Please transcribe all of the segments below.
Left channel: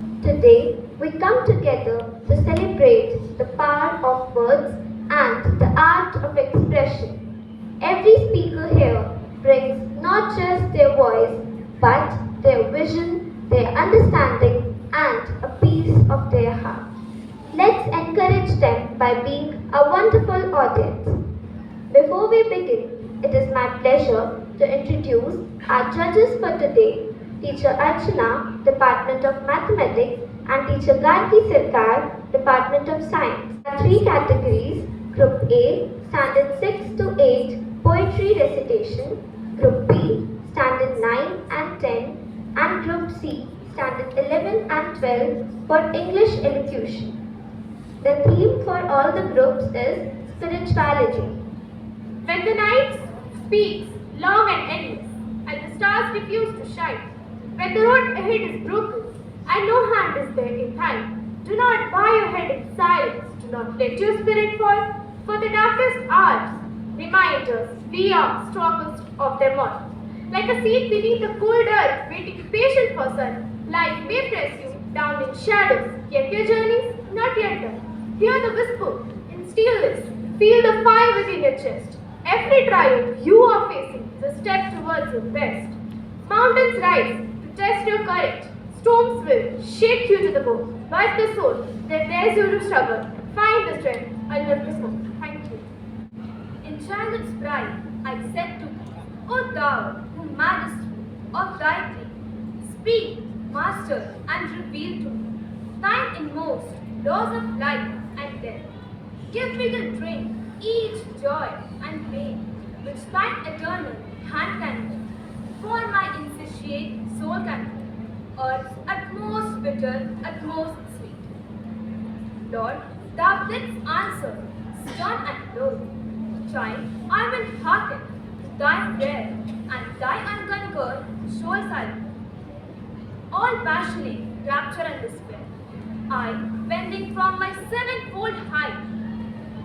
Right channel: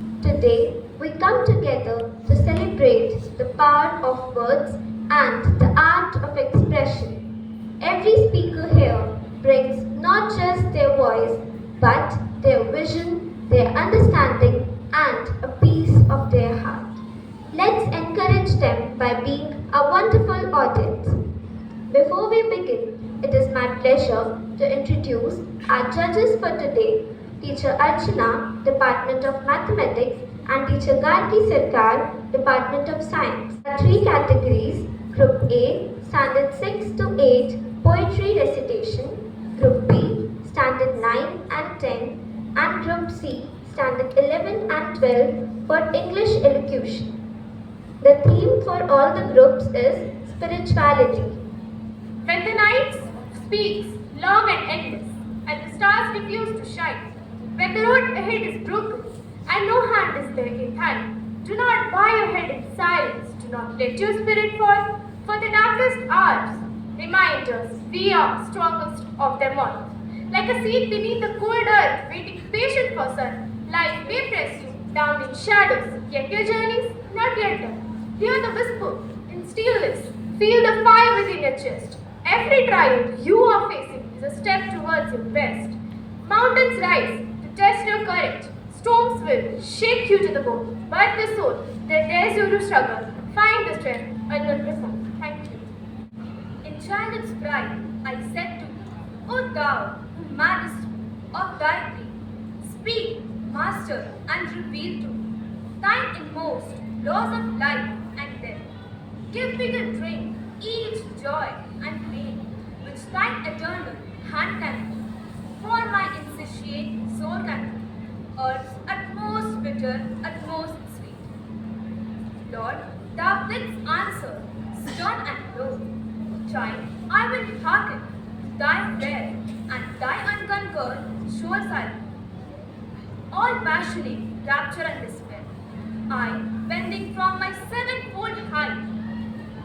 Today, we come together to celebrate the power of words and the art of expression. Every speaker here brings not just their voice, but their vision, their understanding, and a piece of their heart. Let's encourage them by being a wonderful audience. Before we begin, it is my pleasure to introduce our judges for today, Teacher Archana, Department of Mathematics, and Teacher Gargi Sirkar, Department of Science. There are three categories: Group A, Standard 6 to 8, Poetry Recitation; Group B, Standard 9 and 10; and Group C, Standard 11 and 12, for English Elocution. The theme for all the groups is spirituality. When the night speaks long and endless, and the stars refuse to shine, when the road ahead is broken, and no hand is there in time, do not bow your head in silence, do not let your spirit fall, for the darkest hours remind us we are strongest of them all. Like a seed beneath the cold earth, waiting patient for sun, life may press you down in shadows, yet your journey's not yet done. Hear the whisper in stillness, feel the fire within your chest. Every trial you are facing is a step towards your best. Mountains rise to test your courage. Storms will shake you to the bone. But the soul that dares you to struggle, find the strength and will wisdom. Thank you. Enchanted pride, I said to thee, O thou who madest me of thy dream, speak, master, and reveal to me thine inmost laws of life and death. Give me the drink, each joy and pain, which thine eternal hand can hold. For my insatiate soul can be earth's utmost bitter, utmost sweet. Lord, thou didst answer, stern and low. Chime, I will hearken to thy prayer, and thy unconquered shoals I'll be. All passionate rapture and despair, I, bending from my sevenfold height,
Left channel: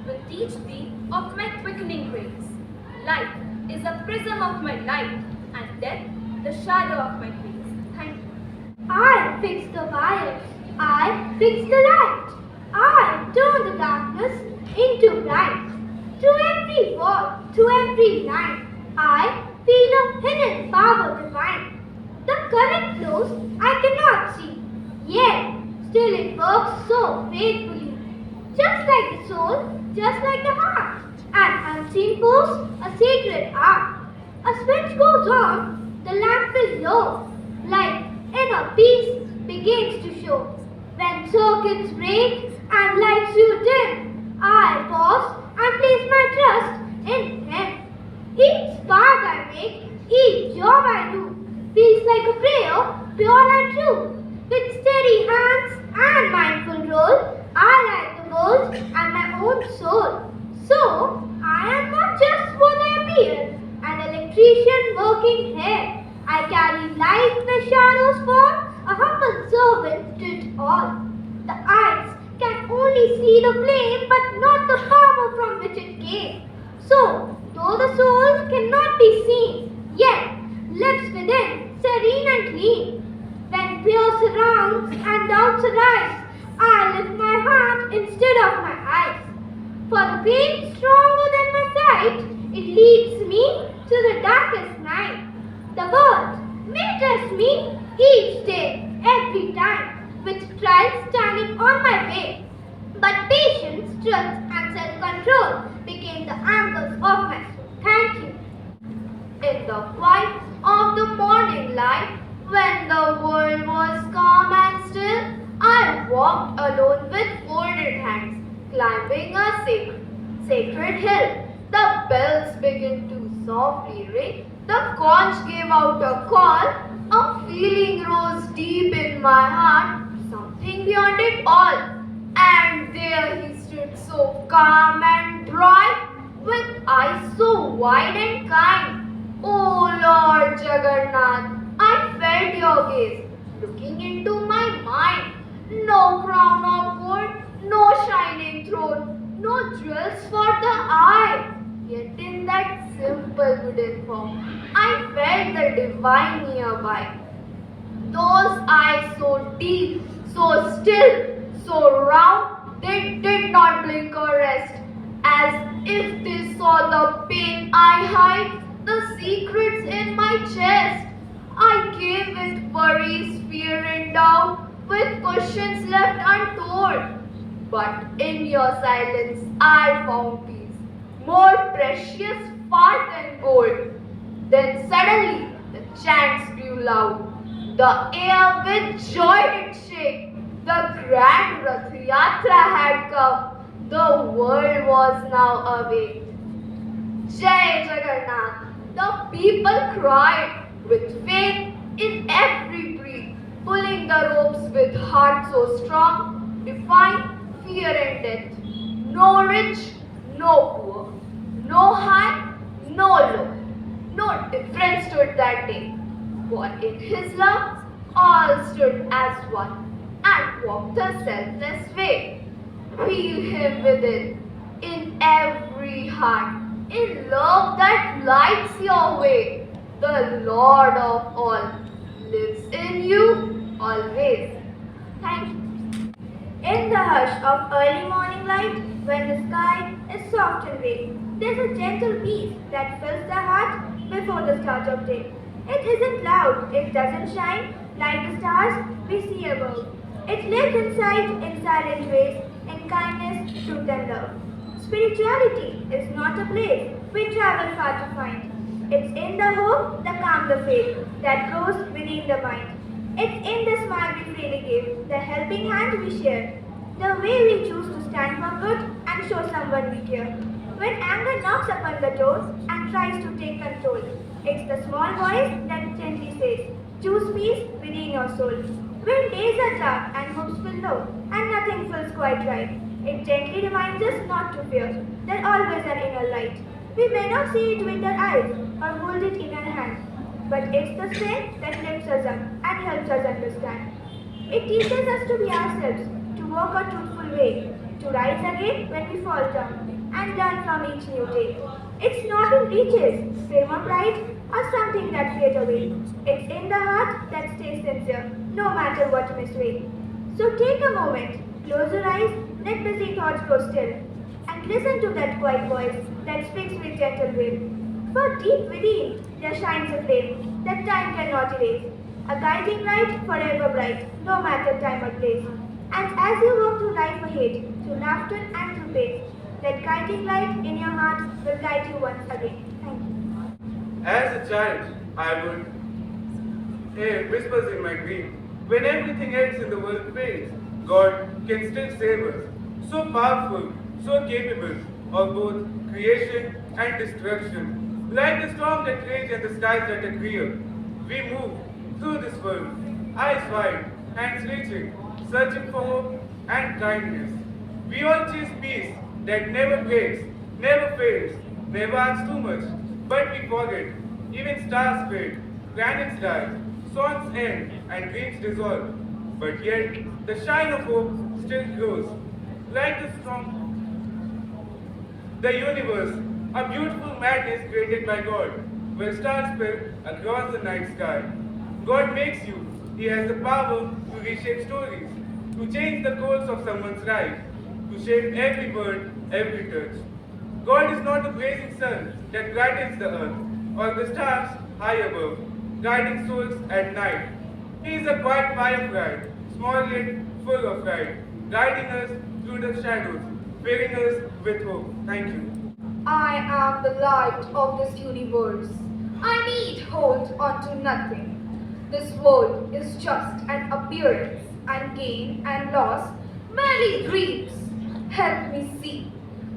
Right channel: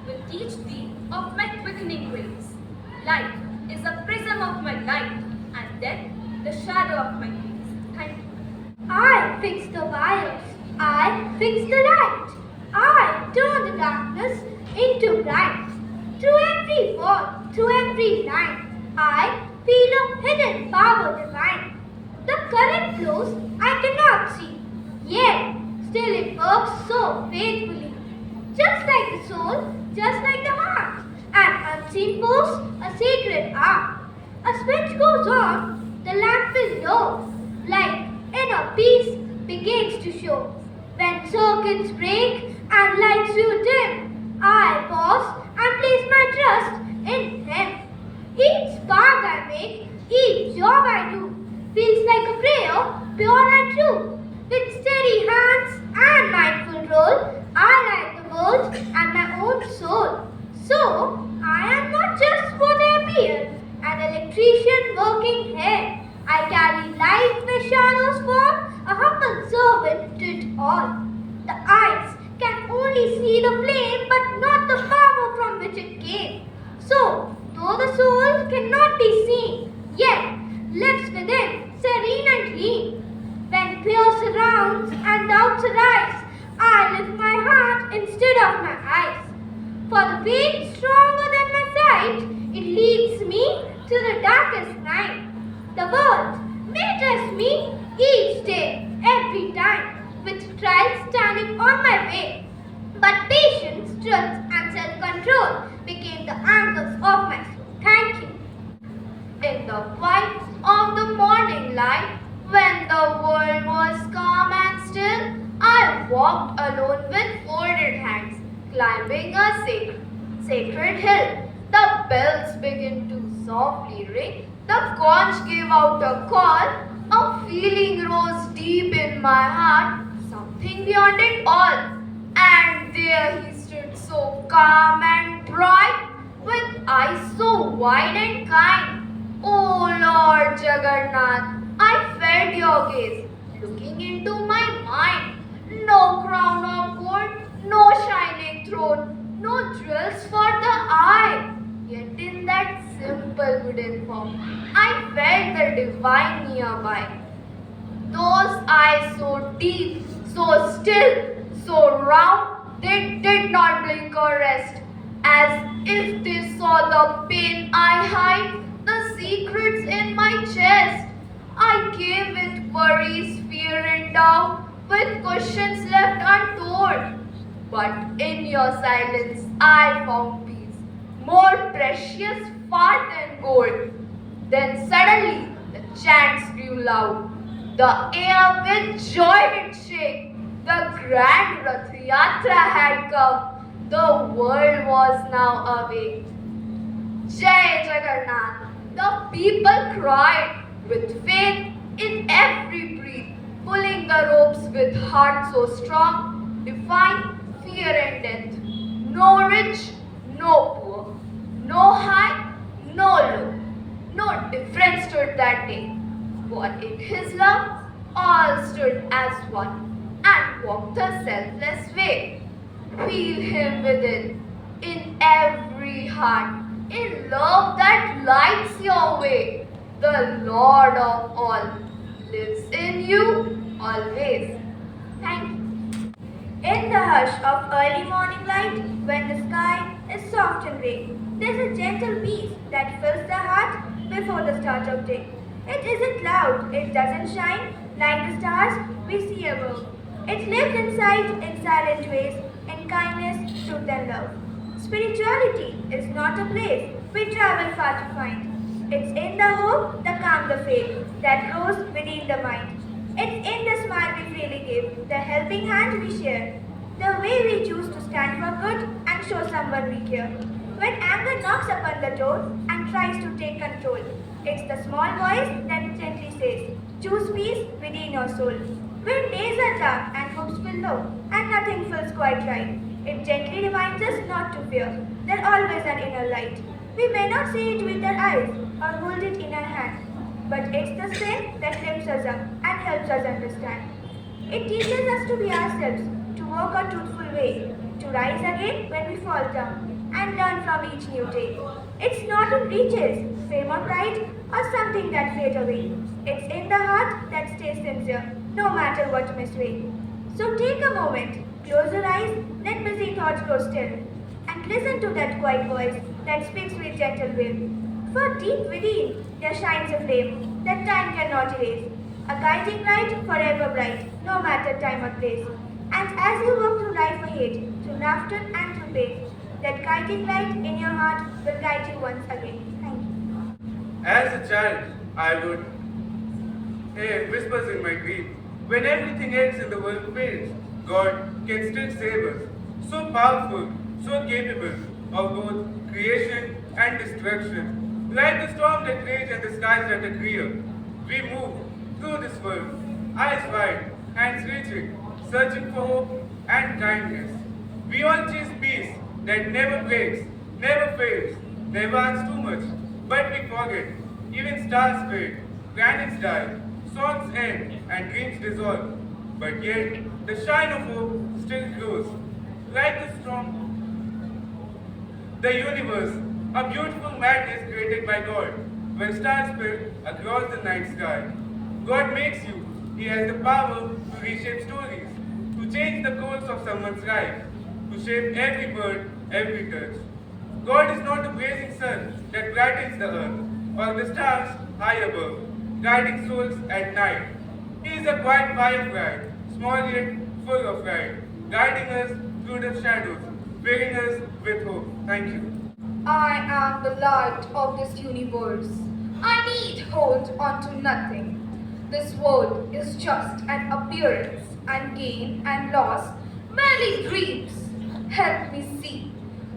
will teach thee of my quickening grace. Life is a prism of my light, and death the shadow of my face. Thank you. I fix the wires, I fix the light, I turn the darkness into light. Through every wall, through every line, I feel a hidden power divine. The current flows I cannot see, yet still it works so faithfully. Just like the soul, just like the heart, an unseen force, a sacred art. A switch goes on, the lamp is low, light inner peace begins to show. When circuits break and lights grew dim, I pause and place my trust in Him. Each spark I make, each job I do, feels like a prayer, pure and true. With steady hands and mindful roll, I light the world and my own soul. So, I am not just what I appear, an electrician working here. I carry light where shadows fall, a humble servant to it all. The eyes can only see the flame, but not the power from which it came. So, though the soul cannot be seen, yet lives within, serene and clean. When fear surrounds and doubts arise, I lift my heart instead of my eyes. For the faith stronger than my sight, it leads me to the darkest night. The world may test me each day, every time, with trials standing on my way. But patience, truth, and self-control became the anchors of my soul. Thank you. In the quiet of the morning light, when the world was calm and still, I walked alone with folded hands, climbing a sacred hill. The bells began to softly ring, the conch gave out a call, a feeling rose deep in my heart, something beyond it all. And there he stood so calm and bright, with eyes so wide and kind. Oh Lord Jagannath, I felt your gaze looking into my mind. No crown of gold, no shining throne, no jewels for the eye. Yet in that simple wooden form, I felt the divine nearby. Those eyes so deep, still, so round, they did not blink or rest, as if they saw the pain I hide, the secrets in my chest. I came with worries, fear, and doubt, with questions left untold. But in your silence, I found peace, more precious far than gold. Then suddenly, the chants grew loud. The air with joy did shake. The grand Rath Yatra had come. The world was now awake. Jai Jagannath. The people cried with faith in every breath, pulling the ropes with heart so strong, defying fear and death. No rich, no poor, no high, no low. No difference stood that day, for in his love all stood as one and walked a selfless way. Feel him within, in every heart, in love that lights your way. The Lord of all lives in you always. Thank you. In the hush of early morning light, when the sky is soft and gray, there's a gentle peace that fills the heart before the start of day. It isn't loud, it doesn't shine like the stars we see above. It lives inside in silent ways, in kindness, truth, and love. Spirituality is not a place we travel far to find. It's in the hope, the calm, the faith that grows within the mind. It's in the smile we freely give, the helping hand we share, the way we choose to stand for good and show someone we care. When anger knocks upon the door and tries to take control, it's the small voice that gently says, choose peace within your soul. When days are dark and hopes feel low and nothing feels quite right, it gently reminds us not to fear. There's always an inner light. We may not see it with our eyes or hold it in our hands, but it's the strength that lifts us up and helps us understand. It teaches us to be ourselves, to walk a truthful way, to rise again when we fall down, and learn from each new day. It's not in riches, fame or pride, or something that fades away. It's in the heart that stays sincere, no matter what may sway. So take a moment, close your eyes, let busy thoughts grow still, and listen to that quiet voice that speaks with gentle will. For deep within there shines a flame that time cannot erase, a guiding light forever bright, no matter time or place. And as you walk through life ahead, through laughter and through pain, that guiding light in your heart will guide you once again. Thank you. As a child, I would hear whispers in my dream. When everything else in the world fails, God can still save us. So powerful, so capable of both creation and destruction. Like the storm that rage and the skies that are clear, we move through this world, eyes wide, hands reaching, searching for hope and kindness. We all chase peace that never breaks, never fails, never asks too much. But we forget, even stars fade, planets die, songs end, and dreams dissolve. But yet, the shine of hope still grows. Like the storm, the universe, a beautiful madness created by God, where stars spill across the night sky. God makes you. He has the power to reshape stories, to change the course of someone's life, to shape every word, every touch. God is not the blazing sun that brightens the earth, or the stars high above, guiding souls at night. He is a quiet firefly, small yet full of light, guiding us through the shadows, filling us with hope. Thank you. I am the light of this universe. I need hold on to nothing. This world is just an appearance, and gain and loss, merely dreams. Help me see.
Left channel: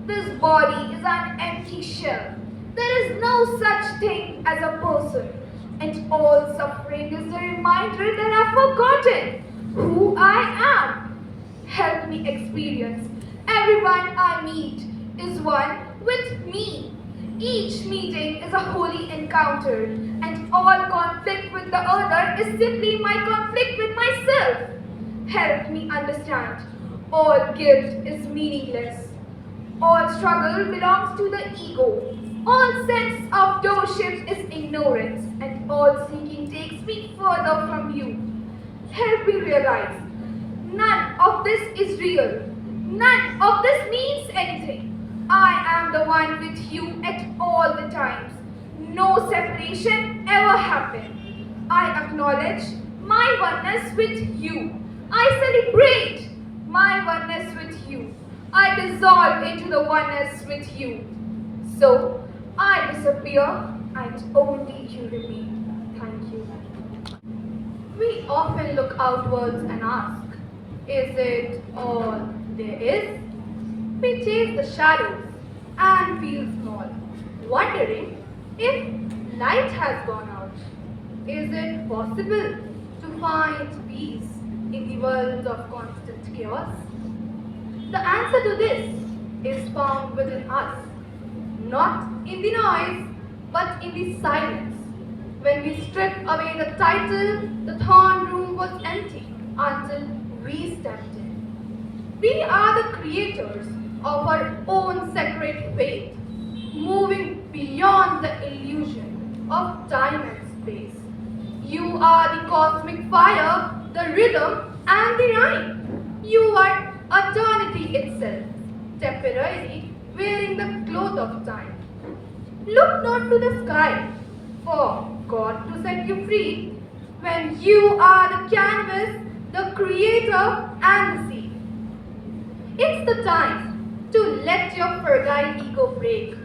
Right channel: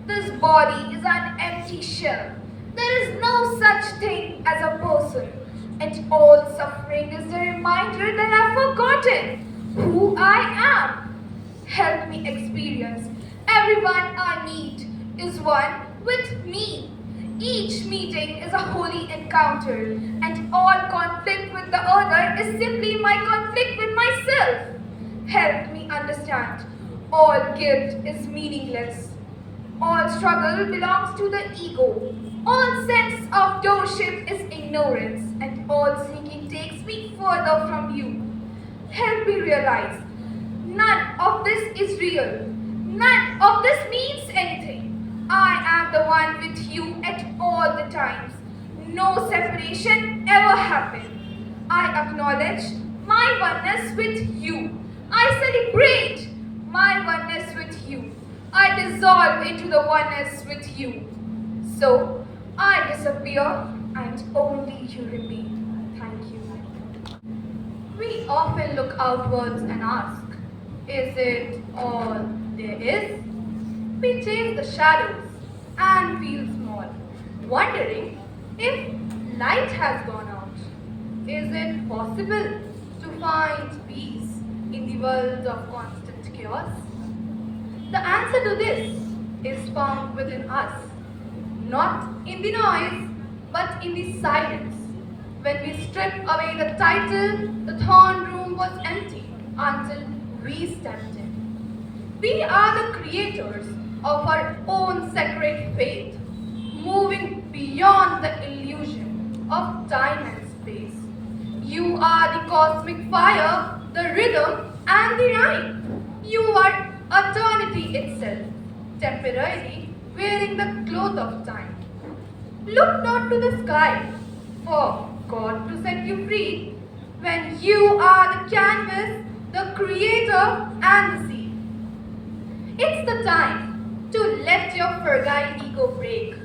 This body is an empty shell. There is no such thing as a person. And all suffering is the reminder that I've forgotten who I am. Help me experience. Everyone I meet is one with me. Each meeting is a holy encounter, and all conflict with the other is simply my conflict with myself. Help me understand. All guilt is meaningless. All struggle belongs to the ego. All sense of doership is ignorance, and all seeking takes me further from you. Help me realize none of this is real. None of this means anything. I am the one with you at all the times. No separation ever happened. I acknowledge my oneness with you. I celebrate my oneness with you. I dissolve into the oneness with you. So I disappear and only you remain. Thank you. We often look outwards and ask, is it all there is? We chase the shadows and feel small, wondering if light has gone out. Is it possible to find peace in the world of constant chaos? The answer to this is found within us, not in the noise, but in the silence. When we strip away the title, the throne room was empty until we stepped in. We are the creators of our own sacred fate, moving beyond the illusion of time and space. You are the cosmic fire, the rhythm, and the rhyme. You are eternity itself, temporarily wearing the cloth of time. Look not to the sky, for God to set you free, when you are the canvas, the creator, and the sea. It's the time to let your fragile ego break.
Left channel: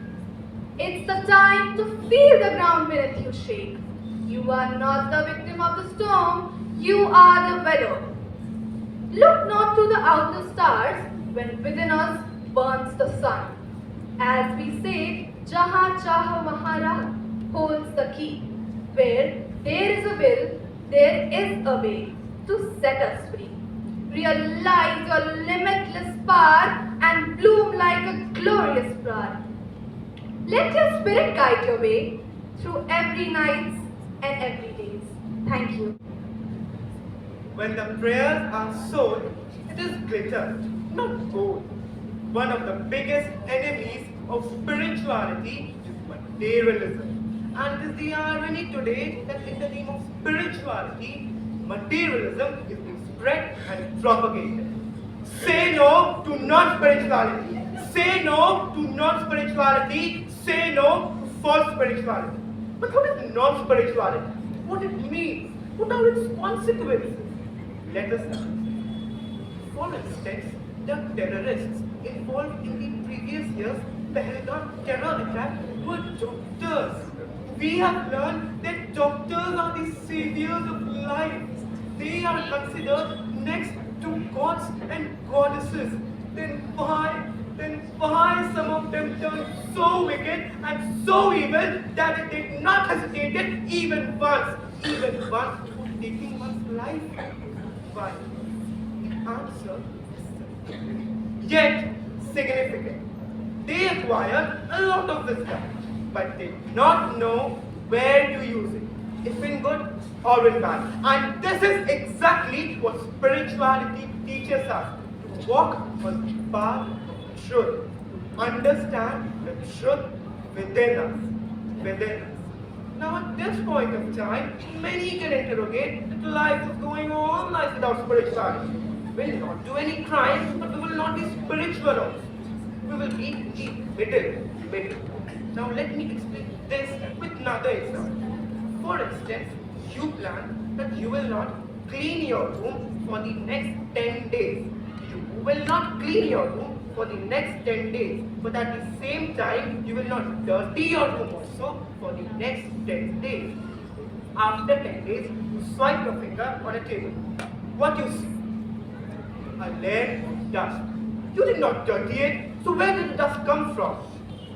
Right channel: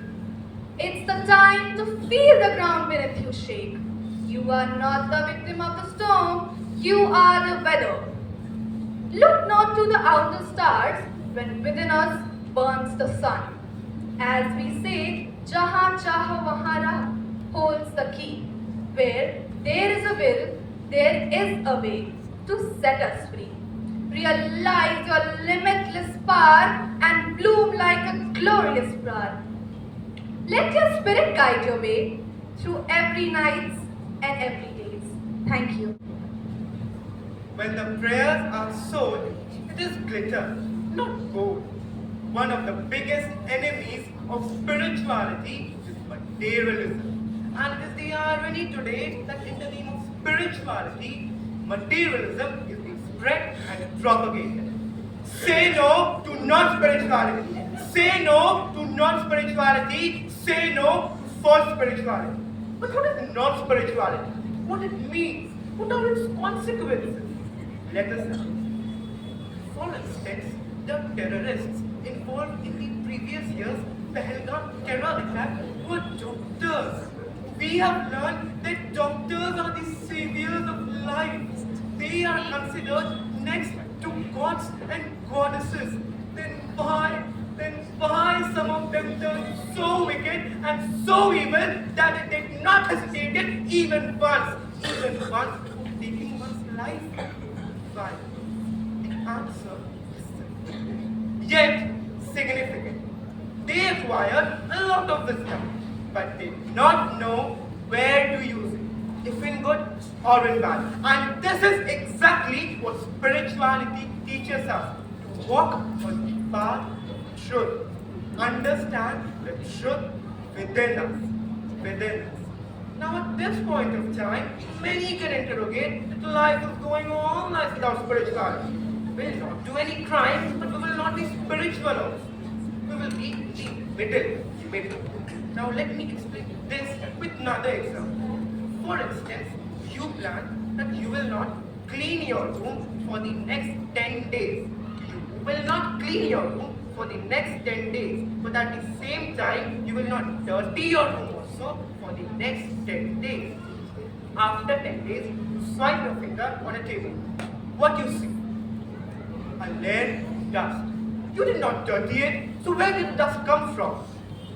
It's the time to feel the ground beneath you shake. You are not the victim of the storm, you are the weather. Look not to the outer stars when within us burns the sun. As we say, Jahan Chaha Mahara holds the key. Where there is a will, there is a way to set us free. Realize your limitless power and bloom like a glorious flower. Let your spirit guide your way through every night and every day. Thank you. When the prayers are sown, it is glitter, not gold. One of the biggest enemies of spirituality is materialism. And it is the irony today that in the name of spirituality, materialism is being spread and propagated. Say no to non-spirituality. Say no to non-spirituality. Say no to false spirituality. But what is non-spirituality? What it means? What are its consequences? Let us see. For instance, the terrorists involved in the previous year's Pahalgam terror attack were doctors. We have learned that doctors are the saviors of lives. They are considered next to gods and goddesses. Then why some of them turned so wicked and so evil that they did not hesitate even once for taking one's life? Why? The answer is simple, yet significant. They acquired a lot of wisdom, but they did not know where to use it, if in good or in bad. And this is exactly what spirituality teaches us, to walk on the path of truth, understand the truth within us. Now at this point of time, many can interrogate that life is going on life without spirituality. We will not do any crime, but we will not be spiritual also. We will be the middle. Now let me explain this with another example. For instance, you plan that you will not clean your room for the next 10 days. You will not clean your room for the next 10 days. But at the same time, you will not dirty your room also for the next 10 days. After 10 days, you swipe your finger on a table. What you see? A layer of dust. You did not dirty it, so where did the dust come from?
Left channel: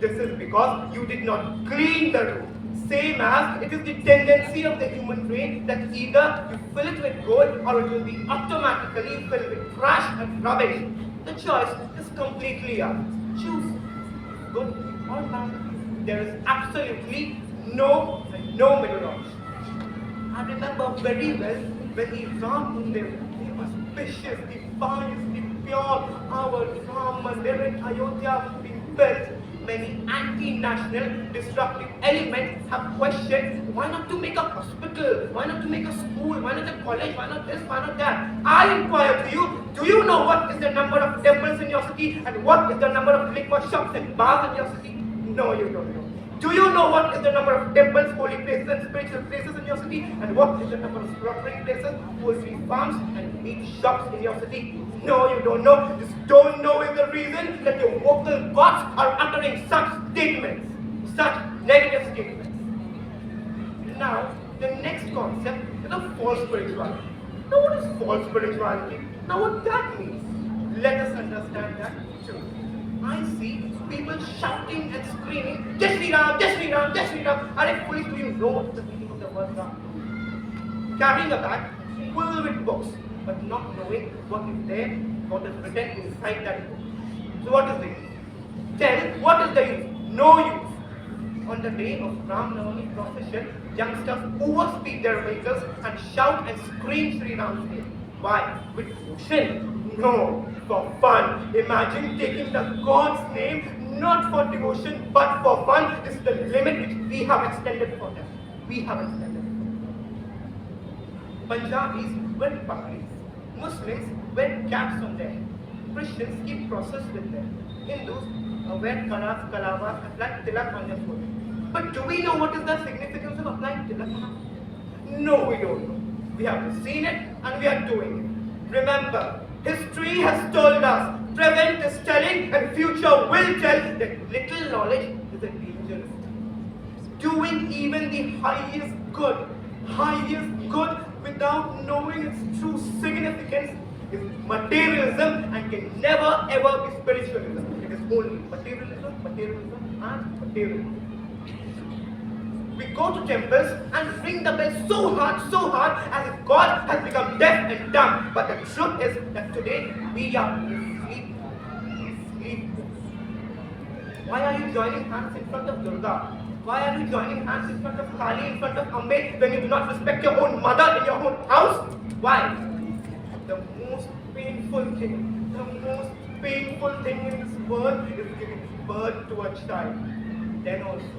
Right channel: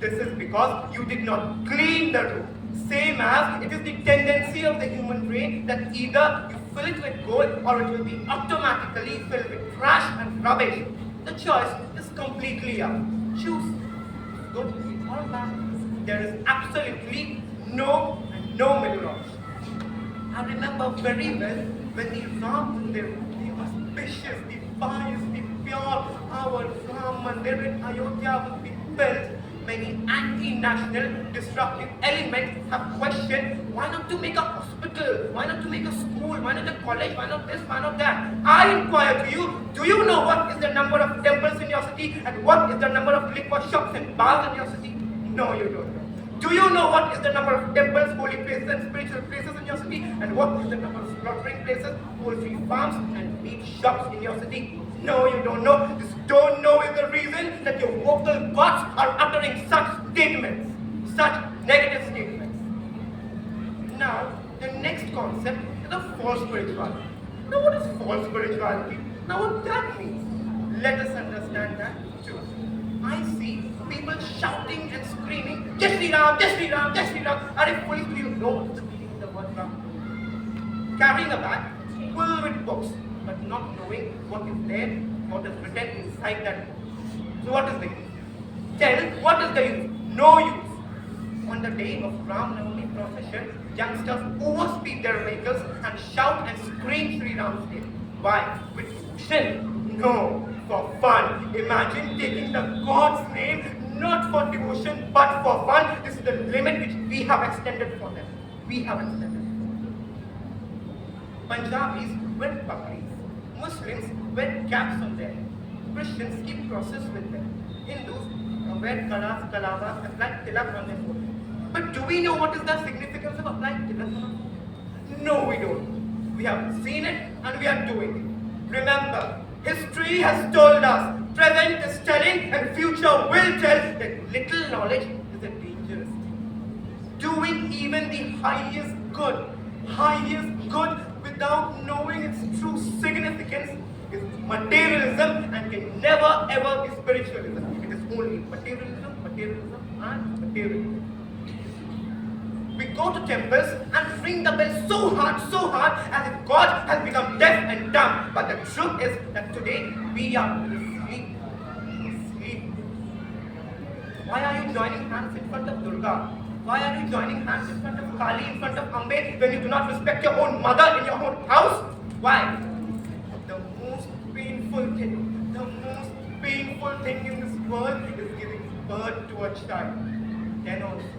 This is because you did not clean the room. Same as it is the tendency of the human brain that either you fill it with gold or it will be automatically filled with trash and rubbish. The choice is completely yours. Choose good or bad. There is absolutely no middle option. I remember very well when the Ram Mandir, the auspicious, the pious, the pure, our Ram Mandir in Ayodhya, we built. many anti-national disruptive elements have questioned why not to make a hospital, why not to make a school, why not a college, why not this, why not that. I inquire to you, do you know what is the number of temples in your city and what is the number of liquor shops and bars in your city? No, you don't know. Do you know what is the number of temples, holy places and spiritual places in your city? And what is the number of slaughtering places, poultry farms and meat shops in your city? No, you don't know. This don't know is the reason that your vocal gods are uttering such statements, such negative statements. Now, the next concept is a false spirituality. Now, what is false spirituality? Now, what that means? Let us understand that too. I see people shouting and screaming, Jai Shri Ram, Jai Shri Ram, Jai Shri Ram. And if police do you know what's the meaning of the word Ram? Carrying a bag full with books, but not knowing what is there, what is written inside that book. So what is the use? Tell what is the use? No use. On the day of Ram Navami procession, youngsters overspeed their vehicles and shout and scream Sri Ram's name. Why? With devotion? No, for fun. Imagine taking the God's name not for devotion but for fun. This is the limit which we have extended for them. We have extended it for them. Punjabis wear pakris. Muslims wear caps on their head. Christians keep crosses with them. Hindus wear kalas, kalabas, apply tilak on their forehead. But do we know what is the significance of applying tilak on our forehead? No, we don't know. We have seen it and we are doing it. Remember, history has told us, present is telling and future will tell that little knowledge is a dangerous thing. Doing even the highest good without knowing its true significance is materialism and can never ever be spiritualism. It is only materialism and materialism. We go to temples and ring the bell so hard as if God has become deaf and dumb. But the truth is that today we are asleep. Why are you joining hands in front of Durga? Why are you joining hands in front of Kali, in front of Ambe, when you do not respect your own mother in your own house? Why? The most painful thing in this world is giving birth to a child. Then also,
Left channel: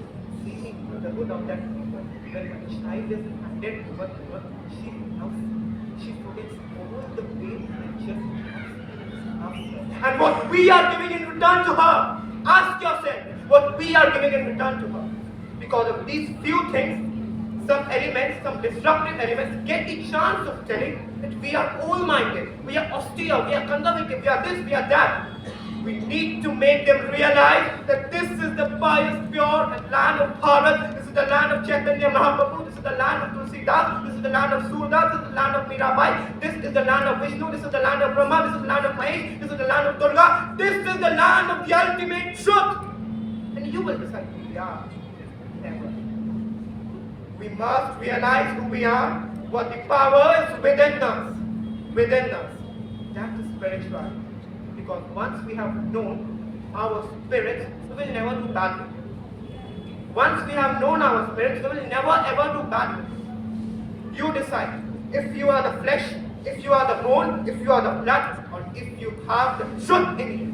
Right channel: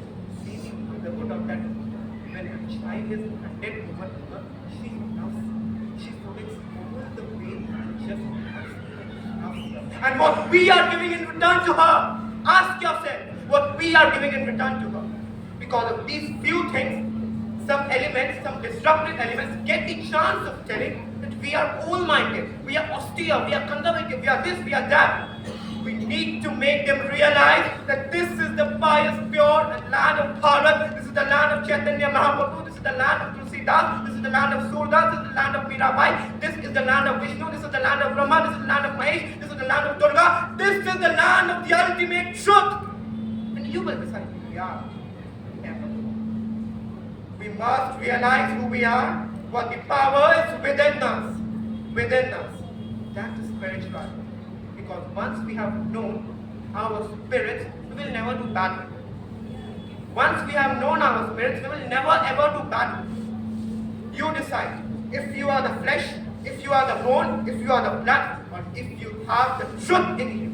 seeing the good of that mother, when a child is handed over to her, she loves, she forgets all the pain and just loves her. And what we are giving in return to her, ask yourself what we are giving in return to her. Because of these few things, some elements, some disruptive elements get the chance of telling that we are all-minded, we are austere, we are conservative, we are this, we are that. We need to make them realize that this is the pious, pure land of Bharat, this is the land of Chaitanya Mahaprabhu, this is the land of Tulsidas, this is the land of Surdas, this is the land of Mirabai, this is the land of Vishnu, this is the land of Brahma, this is the land of Mahesh, this is the land of Durga, this is the land of the ultimate truth. And you will decide who we are. Never. We must realize who we are, what the power is within us. Within us. That is spirituality. Because once we have known our spirits, we will never do battle. Once we have known our spirits, we will never ever do battle. You decide if you are the flesh, if you are the bone, if you are the blood, or if you have the truth in you.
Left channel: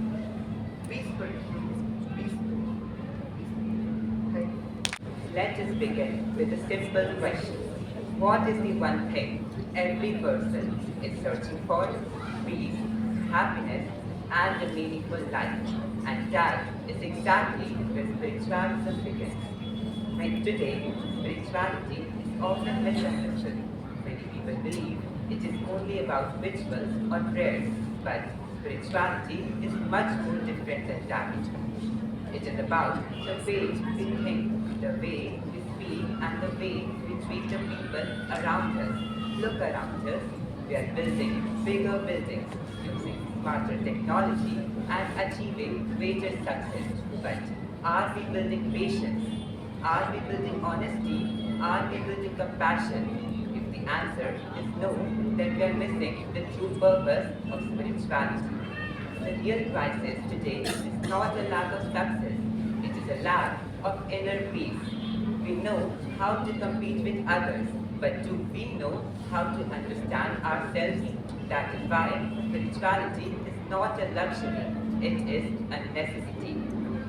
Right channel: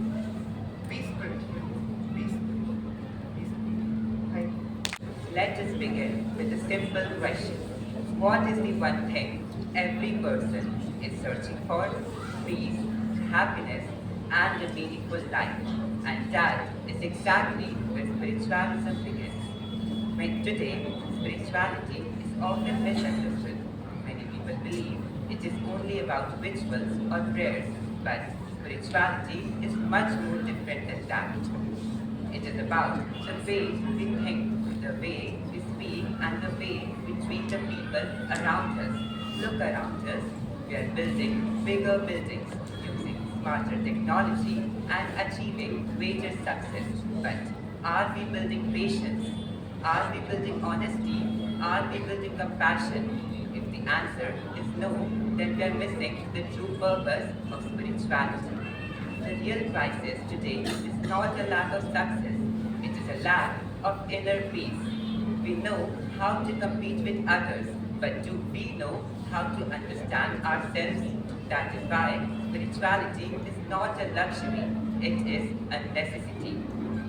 Be spiritual. Be spiritual. Be spiritual. Thank you. Let us begin with a simple question. What is the one thing every person is searching for? Peace, happiness, and a meaningful life. And that is exactly where spiritualism begins. When today, spirituality is often misunderstood. Many people believe it is only about rituals or prayers, but spirituality is much more different than that. It is about the way we think, the way we speak, and the way we treat the people around us. Look around us. We are building bigger buildings, using smarter technology, and achieving greater success. But are we building patience? Are we building honesty? Are we building compassion? If the answer is no, then we are missing the true purpose of spirituality. The real crisis today is not a lack of success, it is a lack of inner peace. We know how to compete with others, but do we know how to understand ourselves? That is why spirituality is not a luxury, it is a necessity.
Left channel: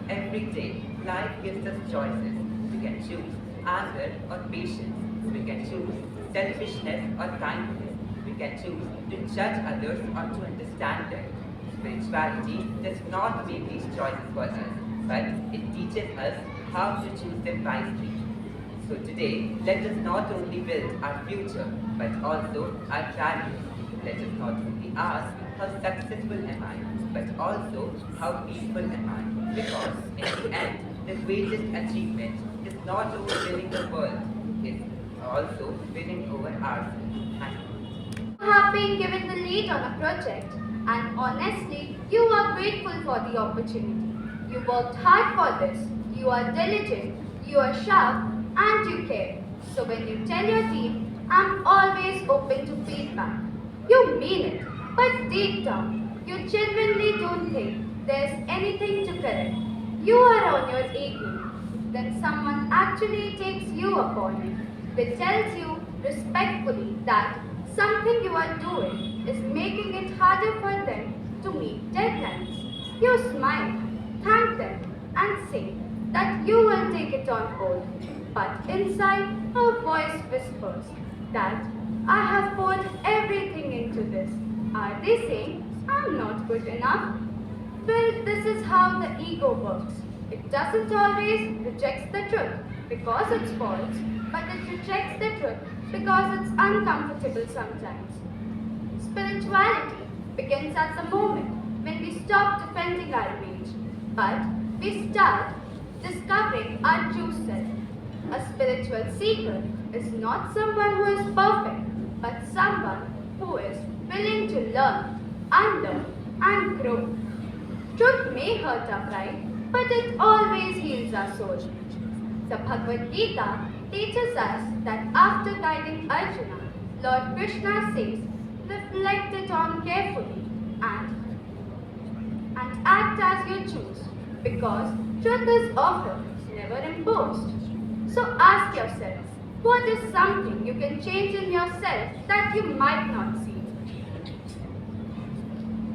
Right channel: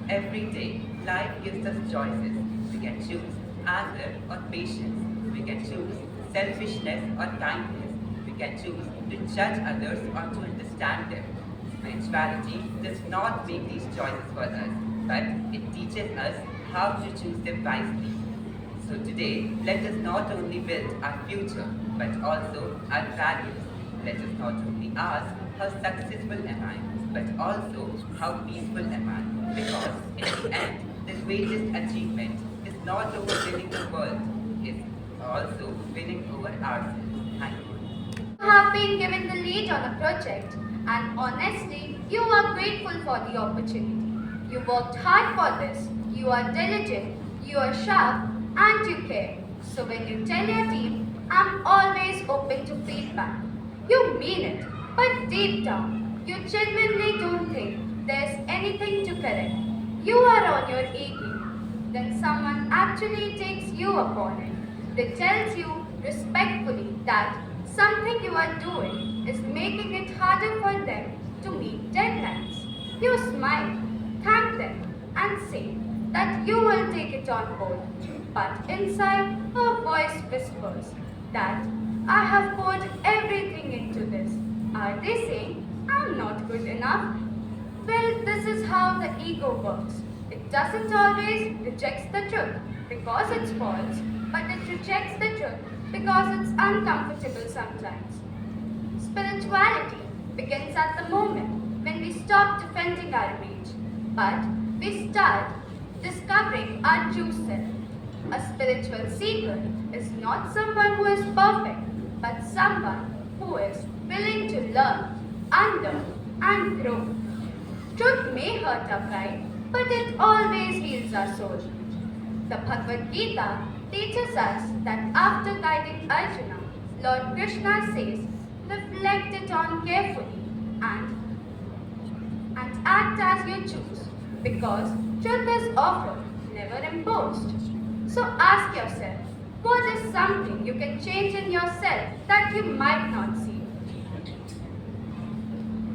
Every day, life gives us choices. We can choose anger or patience. We can choose selfishness or kindness. We can choose to judge others or to understand them. Spirituality does not make these choices for us, but it teaches us how to choose them wisely. So today, let us not only build our future, but also our values. Let us not only ask how successful am I, but also how peaceful am I. Because in the end, the greatest achievement is not over winning the world, it's also winning over ourselves. Thank you. You have been given the lead on a project, and honestly, you are grateful for the opportunity. You worked hard for this, you are diligent, you are sharp, and you care. So when you tell your team, I'm always open to feedback, you mean it, but deep down, you genuinely don't think there's anything to correct. You are on your A game. Then someone actually takes you upon it. They tells you respectfully that something you are doing is making it harder for them to meet deadlines. You smile, thank them, and say that you will take it on board. But inside, a voice whispers that I have poured everything into this. Are they saying I'm not good enough? Well, this is how the ego works. It doesn't always reject the truth because it's false, but it rejects the truth because it's uncomfortable sometimes. Spirituality begins at the moment when we stop defending our rage, but we start discovering our true self. A spiritual seeker is not someone who is perfect, but someone who is willing to learn, unlearn, and grow. Truth may hurt our pride, but it always heals our soul. The Bhagavad Gita teaches us that after guiding Arjuna, Lord Krishna says, reflect it on carefully and act as you choose, because truth is offered, never imposed. So ask yourself, what is something you can change in yourself that you might not see?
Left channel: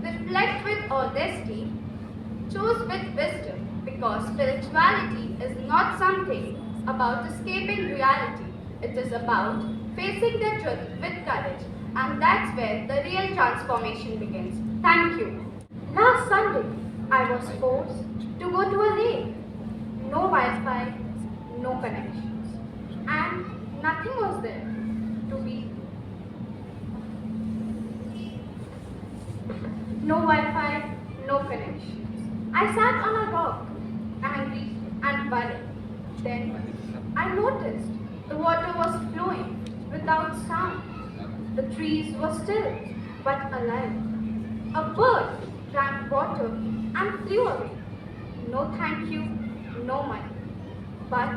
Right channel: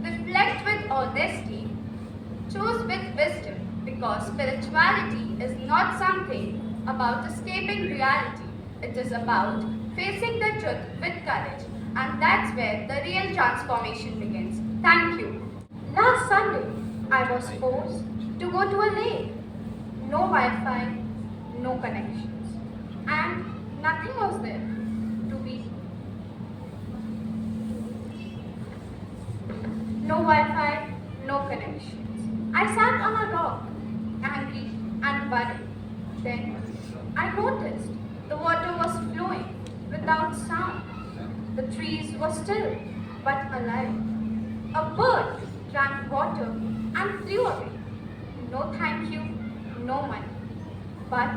Reflect with honesty, choose with wisdom, because spirituality is not something about escaping reality. It is about facing the truth with courage, and that's where the real transformation begins. Thank you. Last Sunday, I was forced to go to a lake. No Wi-Fi, no connections, and nothing was there to be. No Wi-Fi, no connections. I sat on a rock, angry and worried. Then I noticed the water was flowing without sound. The trees were still but alive. A bird drank water and flew away. No thank you, no money. But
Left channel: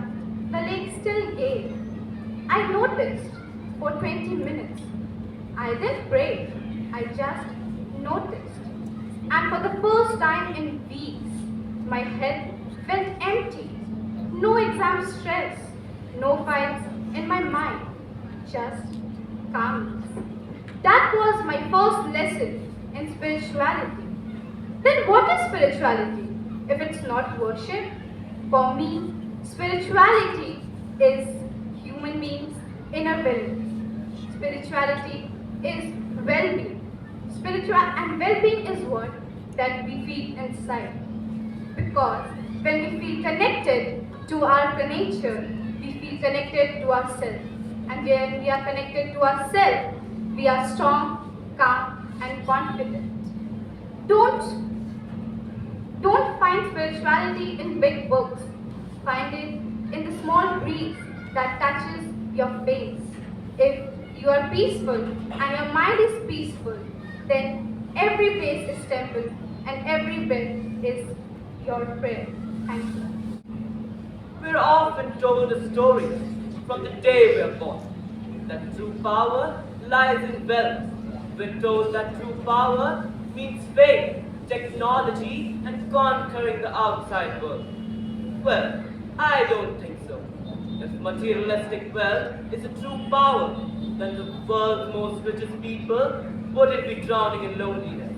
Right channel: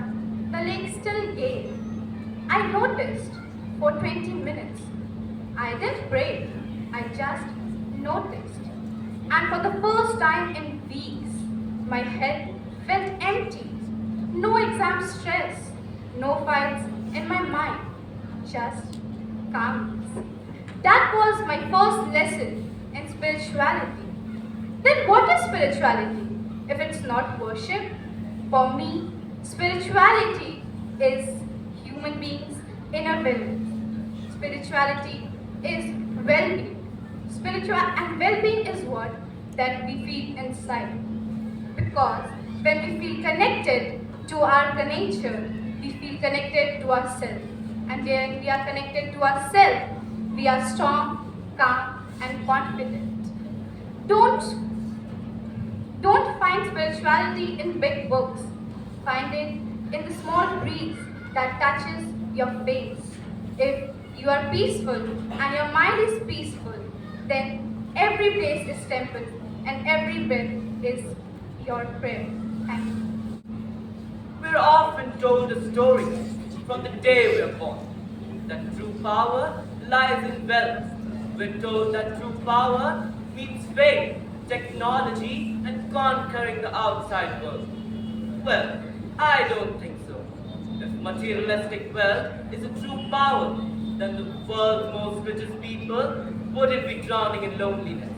the lake still gave. I noticed for 20 minutes. I didn't pray, I just noticed. And for the first time in weeks, my head felt empty. No exam stress, no fights in my mind, just calmness. That was my first lesson in spirituality. Then what is spirituality if it's not worship? For me, spirituality is human beings' inner wellness. Spirituality is well-being. Spiritual and well-being is what that we feel inside. Because when we feel connected to our nature, we feel connected to ourselves. And when we are connected to ourselves, we are strong, calm, and confident. Don't find spirituality in big books. Find it in the small breeze that touches your face. If you are peaceful and your mind is peaceful, then every place is temple and every breath is your prayer. Thank you. We're often told a story from the day we are born that true power lies in wealth. We're told that true power means faith, technology, and conquering the outside world. Well, I don't think so. If materialistic wealth is a true power, then the world's most richest people wouldn't be drowning in loneliness.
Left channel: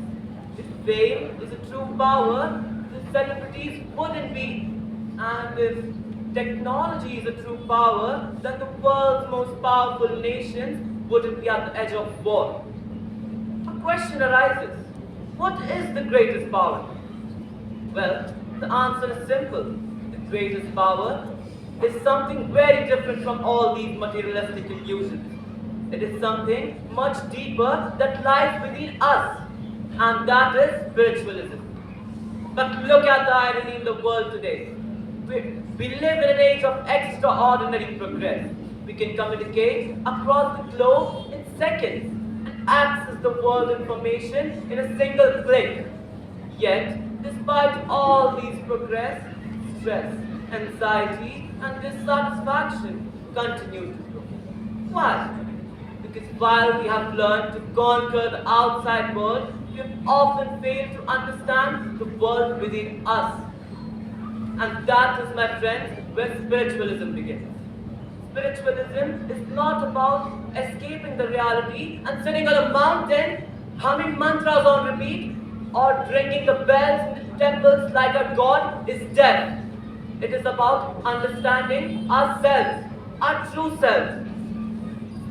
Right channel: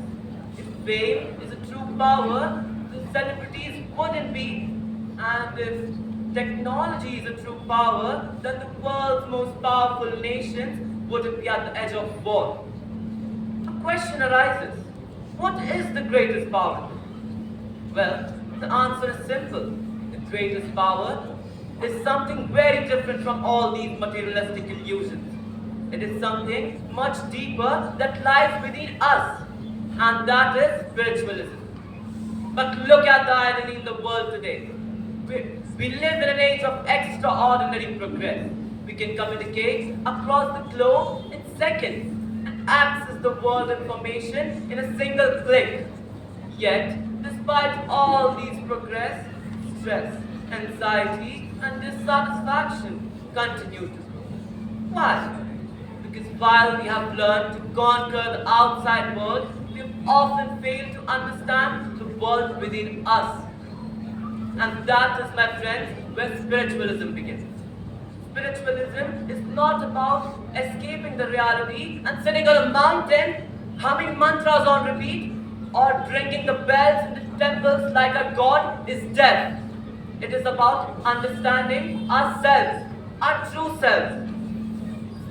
If fame is a true power, the celebrities wouldn't be. And if technology is a true power, then the world's most powerful nations wouldn't be at the edge of war. A question arises. What is the greatest power? Well, the answer is simple. The greatest power is something very different from all these materialistic illusions. It is something much deeper that lies within us, and that is spiritualism. But look at the irony in the world today. We live in an age of extraordinary progress. We can communicate across the globe in seconds and access the world information in a single click. Yet, despite all these progress, stress, anxiety, and dissatisfaction continue to grow. Why? Because while we have learned to conquer the outside world, we have often failed to understand the world within us. And that is, my friends, where spiritualism begins. Spiritualism is not about escaping the reality and sitting on a mountain, humming mantras on repeat, or ringing the bells in the temples like a god is deaf. It is about understanding ourselves, our true selves.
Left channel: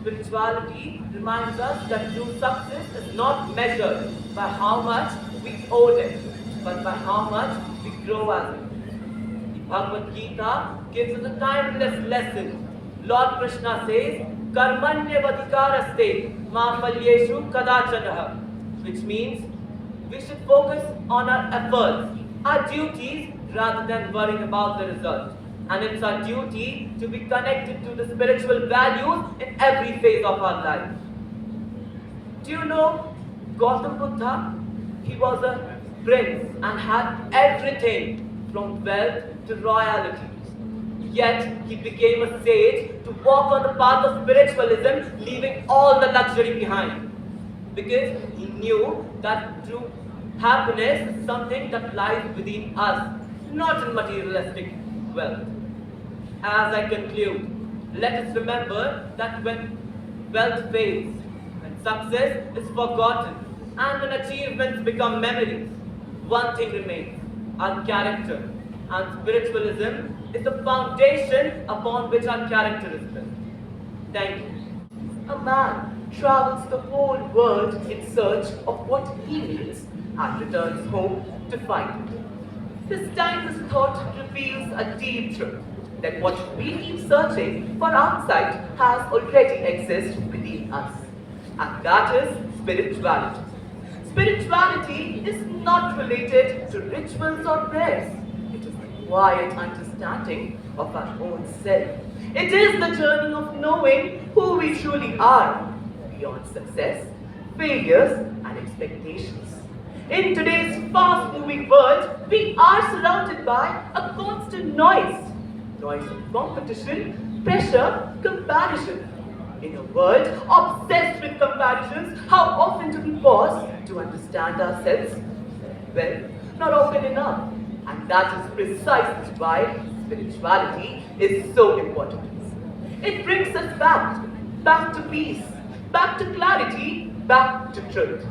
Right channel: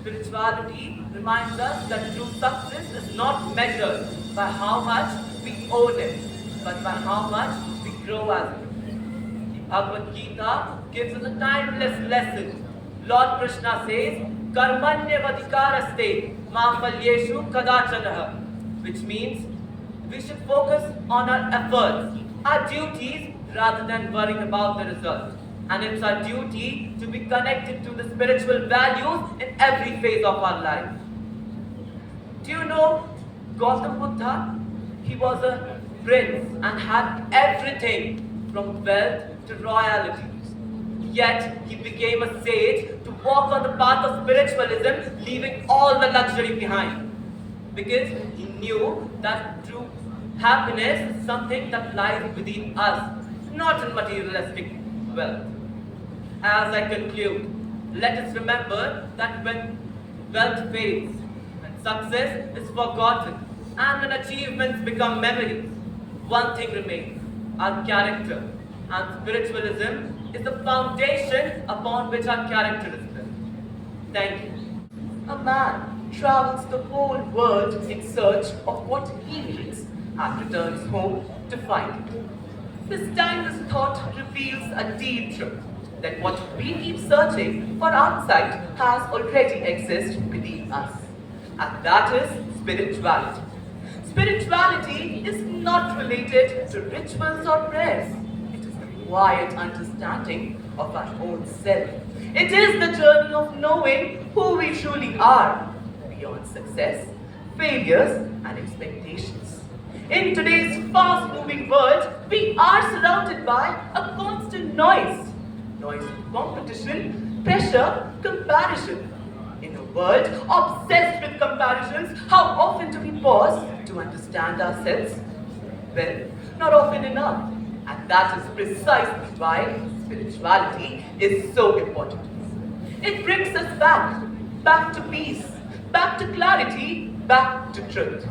Spirituality reminds us that true success is not measured by how much we own it, but by how much we grow as it. The Bhagavad Gita gives us a timeless lesson. Lord Krishna says, Karmanyavadikaraste ma phalyeshu kadachanaha, which means we should focus on our efforts, our duties, rather than worrying about the result. And it's our duty to be connected to the spiritual values in every phase of our life. Do you know Gautam Buddha? He was a prince and had everything from wealth to royalty. Yet he became a sage to walk on the path of spiritualism, leaving all the luxury behind. Because he knew that true happiness is something that lies within us, not in materialistic wealth. As I conclude, let us remember that when wealth fades, when success is forgotten, and when achievements become memories, one thing remains, our character. And spiritualism is the foundation upon which our character is built. Thank you. A man travels the whole world in search of what he needs and returns home to find it. This timeless thought reveals a deep truth that what we keep searching for outside has already existed within us. And that is spirituality. Spirituality is not related to rituals or prayers. It is the quiet understanding of our own self. It is the journey of knowing who we truly are, beyond success, failures, and expectations. In today's fast-moving world, we are surrounded by a constant noise. Noise of competition, pressure, comparison. In a world obsessed with comparisons, how often do we pause to understand ourselves? Well, not often enough. And that is precisely why spirituality is so important to us. It brings us back to peace, back to clarity, back to truth.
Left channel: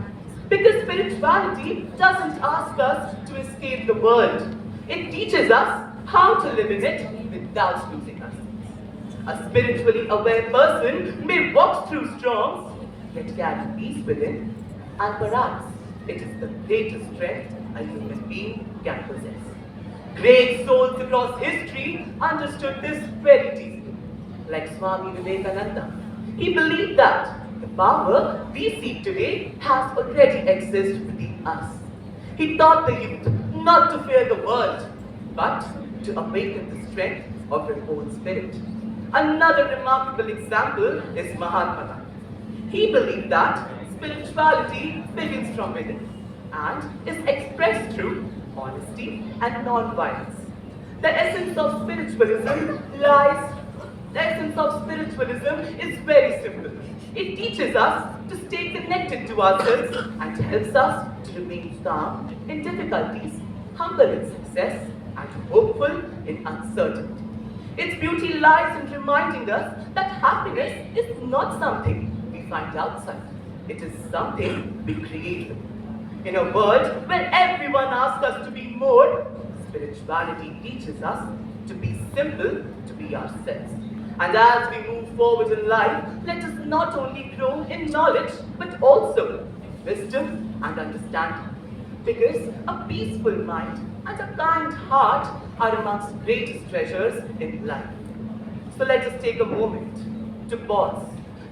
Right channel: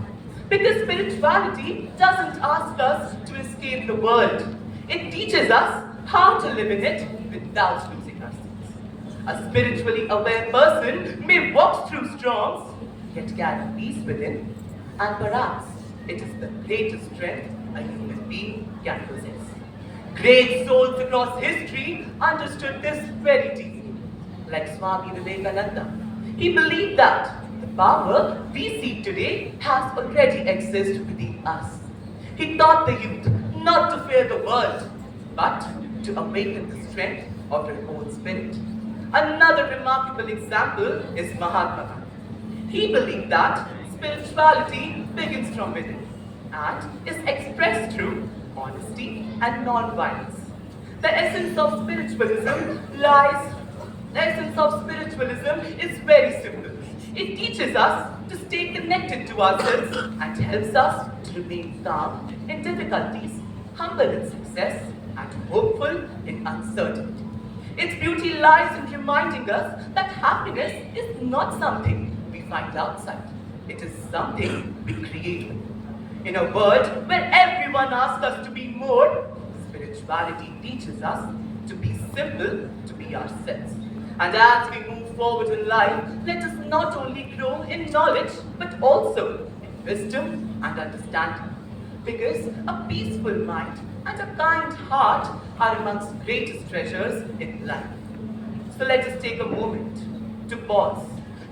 Because spirituality doesn't ask us to escape the world. It teaches us how to live in it without losing ourselves. A spiritually aware person may walk through storms, yet carry peace within, and perhaps it is the greatest strength a human being can possess. Great souls across history understood this very deeply, like Swami Vivekananda. He believed that the power we seek today has already existed within us. He taught the youth not to fear the world, but to awaken the strength of their own spirit. Another remarkable example is Mahatma Gandhi. He believed that spirituality begins from within and is expressed through honesty and non-violence. The essence of spiritualism is very simple. It teaches us to stay connected to ourselves and helps us to remain calm in difficulties, humble in success, and hopeful in uncertainty. Its beauty lies in reminding us that happiness is not something we find outside. It is something we create. In a world where everyone asks us to be more, spirituality teaches us to be simple, to be ourselves. And as we move forward in life, let us not only grow in knowledge, but also in wisdom and understanding. Because a peaceful mind and a kind heart are amongst greatest treasures in life. So let us take a moment to pause,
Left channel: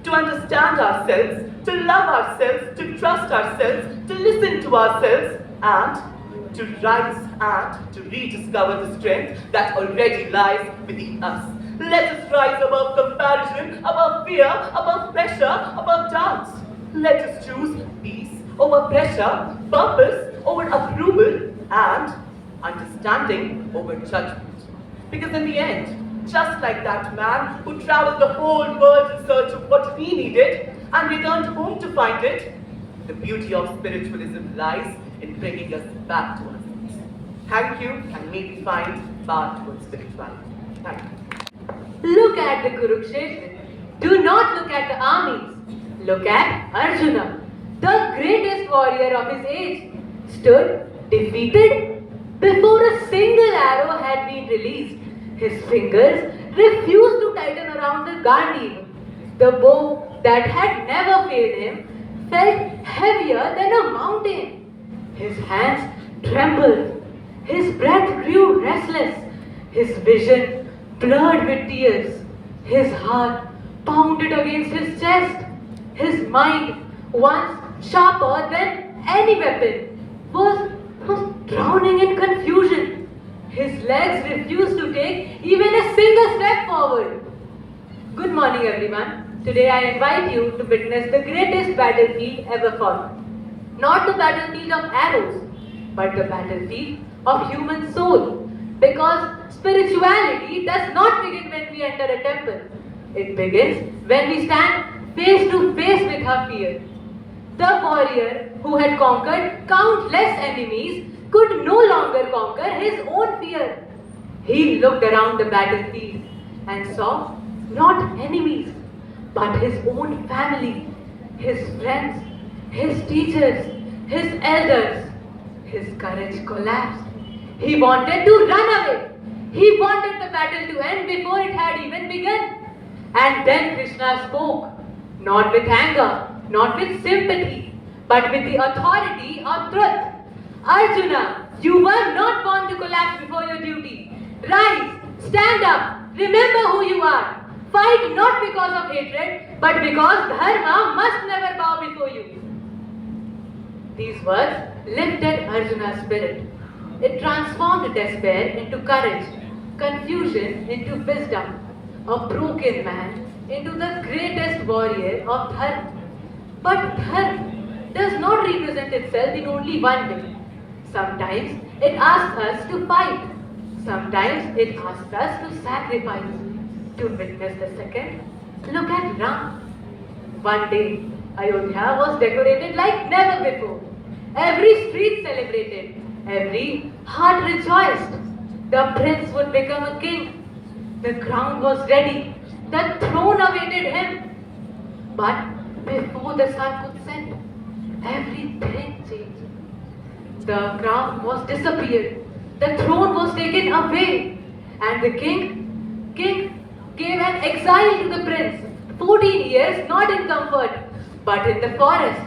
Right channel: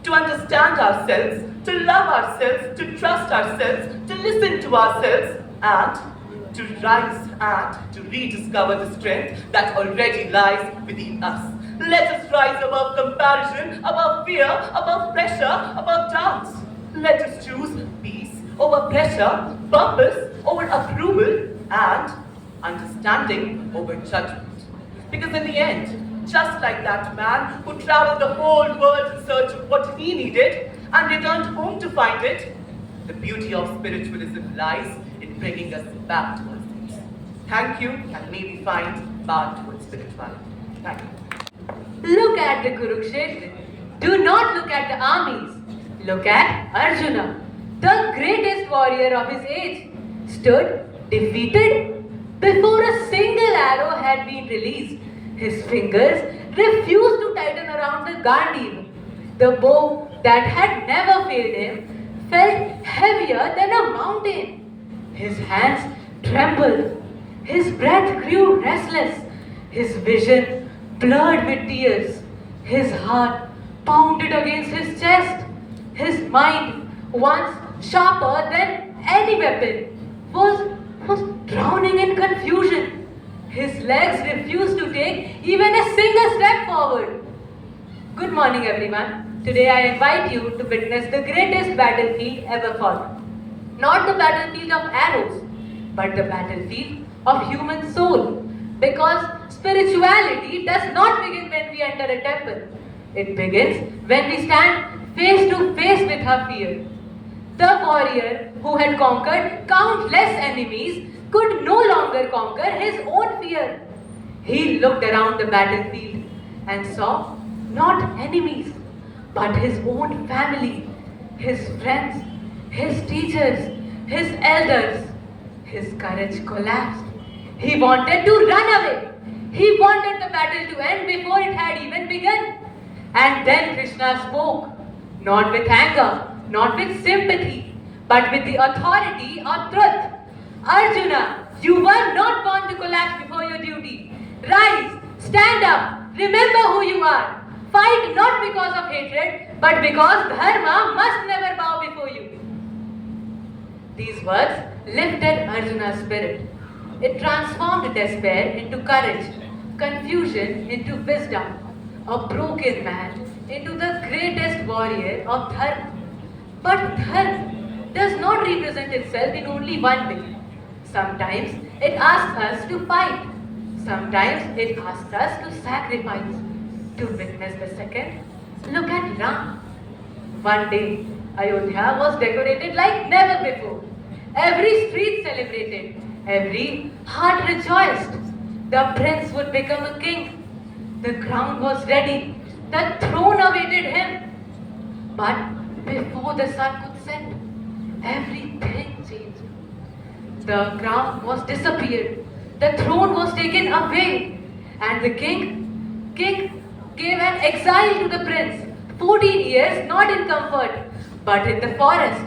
to understand ourselves, to love ourselves, to trust ourselves, to listen to ourselves, and to rise and to rediscover the strength that already lies within us. Let us rise above comparison, above fear, above pressure, above doubts. Let us choose peace over pressure, purpose over approval, and understanding over judgment. Because in the end, just like that man who traveled the whole world in search of what he needed and returned home to find it, the beauty of spiritualism lies in bringing us back to our roots. Thank you, and may we find path towards spirituality. Thank you. Look at the Kurukshetra. Do not look at the armies. Look at Arjuna, the greatest warrior of his age, stood defeated before a single arrow had been released. His fingers refused to tighten around the Gandhi. The bow that had never failed him felt heavier than a mountain. His hands trembled. His breath grew restless. His vision blurred with tears. His heart pounded against his chest. His mind, once sharper than any weapon, was drowning in confusion. His legs refused to take even a single step forward. Good morning, everyone. Today I invite you to witness the greatest battlefield ever fought. Not the battlefield of arrows, but the battlefield of human soul. Because spirituality does not begin when we enter a temple. It begins when we stand face to face with our fear. The warrior who had conquered countless enemies could no longer conquer his own fear. He looked around the battlefield and saw not enemies, but his own family, his friends, his teachers, his elders. His courage collapsed. He wanted to run away. He wanted the battle to end before it had even begun. And then Krishna spoke, not with anger, not with sympathy, but with the authority of truth. Arjuna, you were not born to collapse before your duty. Rise, stand up, remember who you are. Fight not because of hatred, but because dharma must never bow before you. These words lifted Arjuna's spirit. It transformed despair into courage, confusion into wisdom, a broken man into the greatest warrior of dharma. But dharma does not represent itself in only one way. Sometimes it asks us to fight. Sometimes it asks us to sacrifice. To witness the second, look at Ram. One day, Ayodhya was decorated like never before. Every street celebrated. Every heart rejoiced. The prince would become a king. The crown was ready. The throne awaited him. But before the sun could set, everything changed. The crown was disappeared. The throne was taken away. And the king gave an exile to the prince. 14 years not in comfort, but in the forest.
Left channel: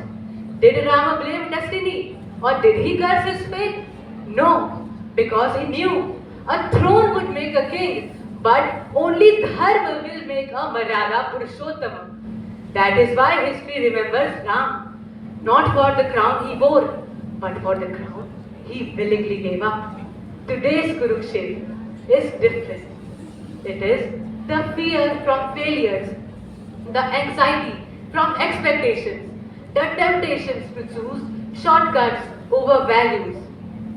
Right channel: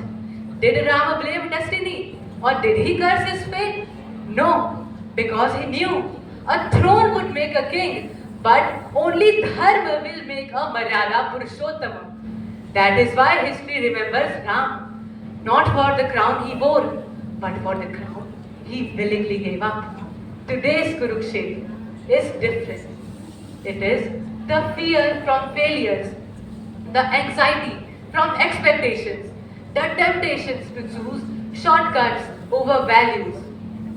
Did Rama blame destiny? Or did he curse his fate? No, because he knew a throne would make a king, but only dharma will make a Maryada Purushottama. That is why history remembers Ram, not for the crown he wore, but for the crown he willingly gave up. Today's Kurukshetra is different. It is the fear from failures, the anxiety from expectations, the temptations to choose shortcuts over values.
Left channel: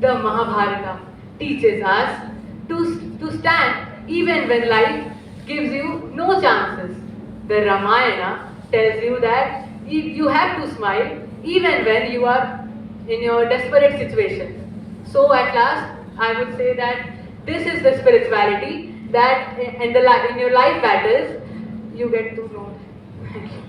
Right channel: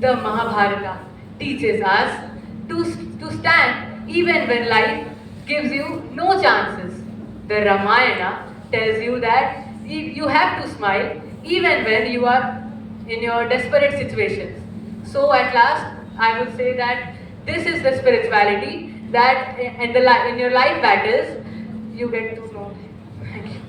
The Mahabharata teaches us to stand even when life gives you no chances. The Ramayana tells you that you have to smile even when you are in your desperate situations. So at last, I would say that this is the spirituality that in your life battles you get to know. Thank you.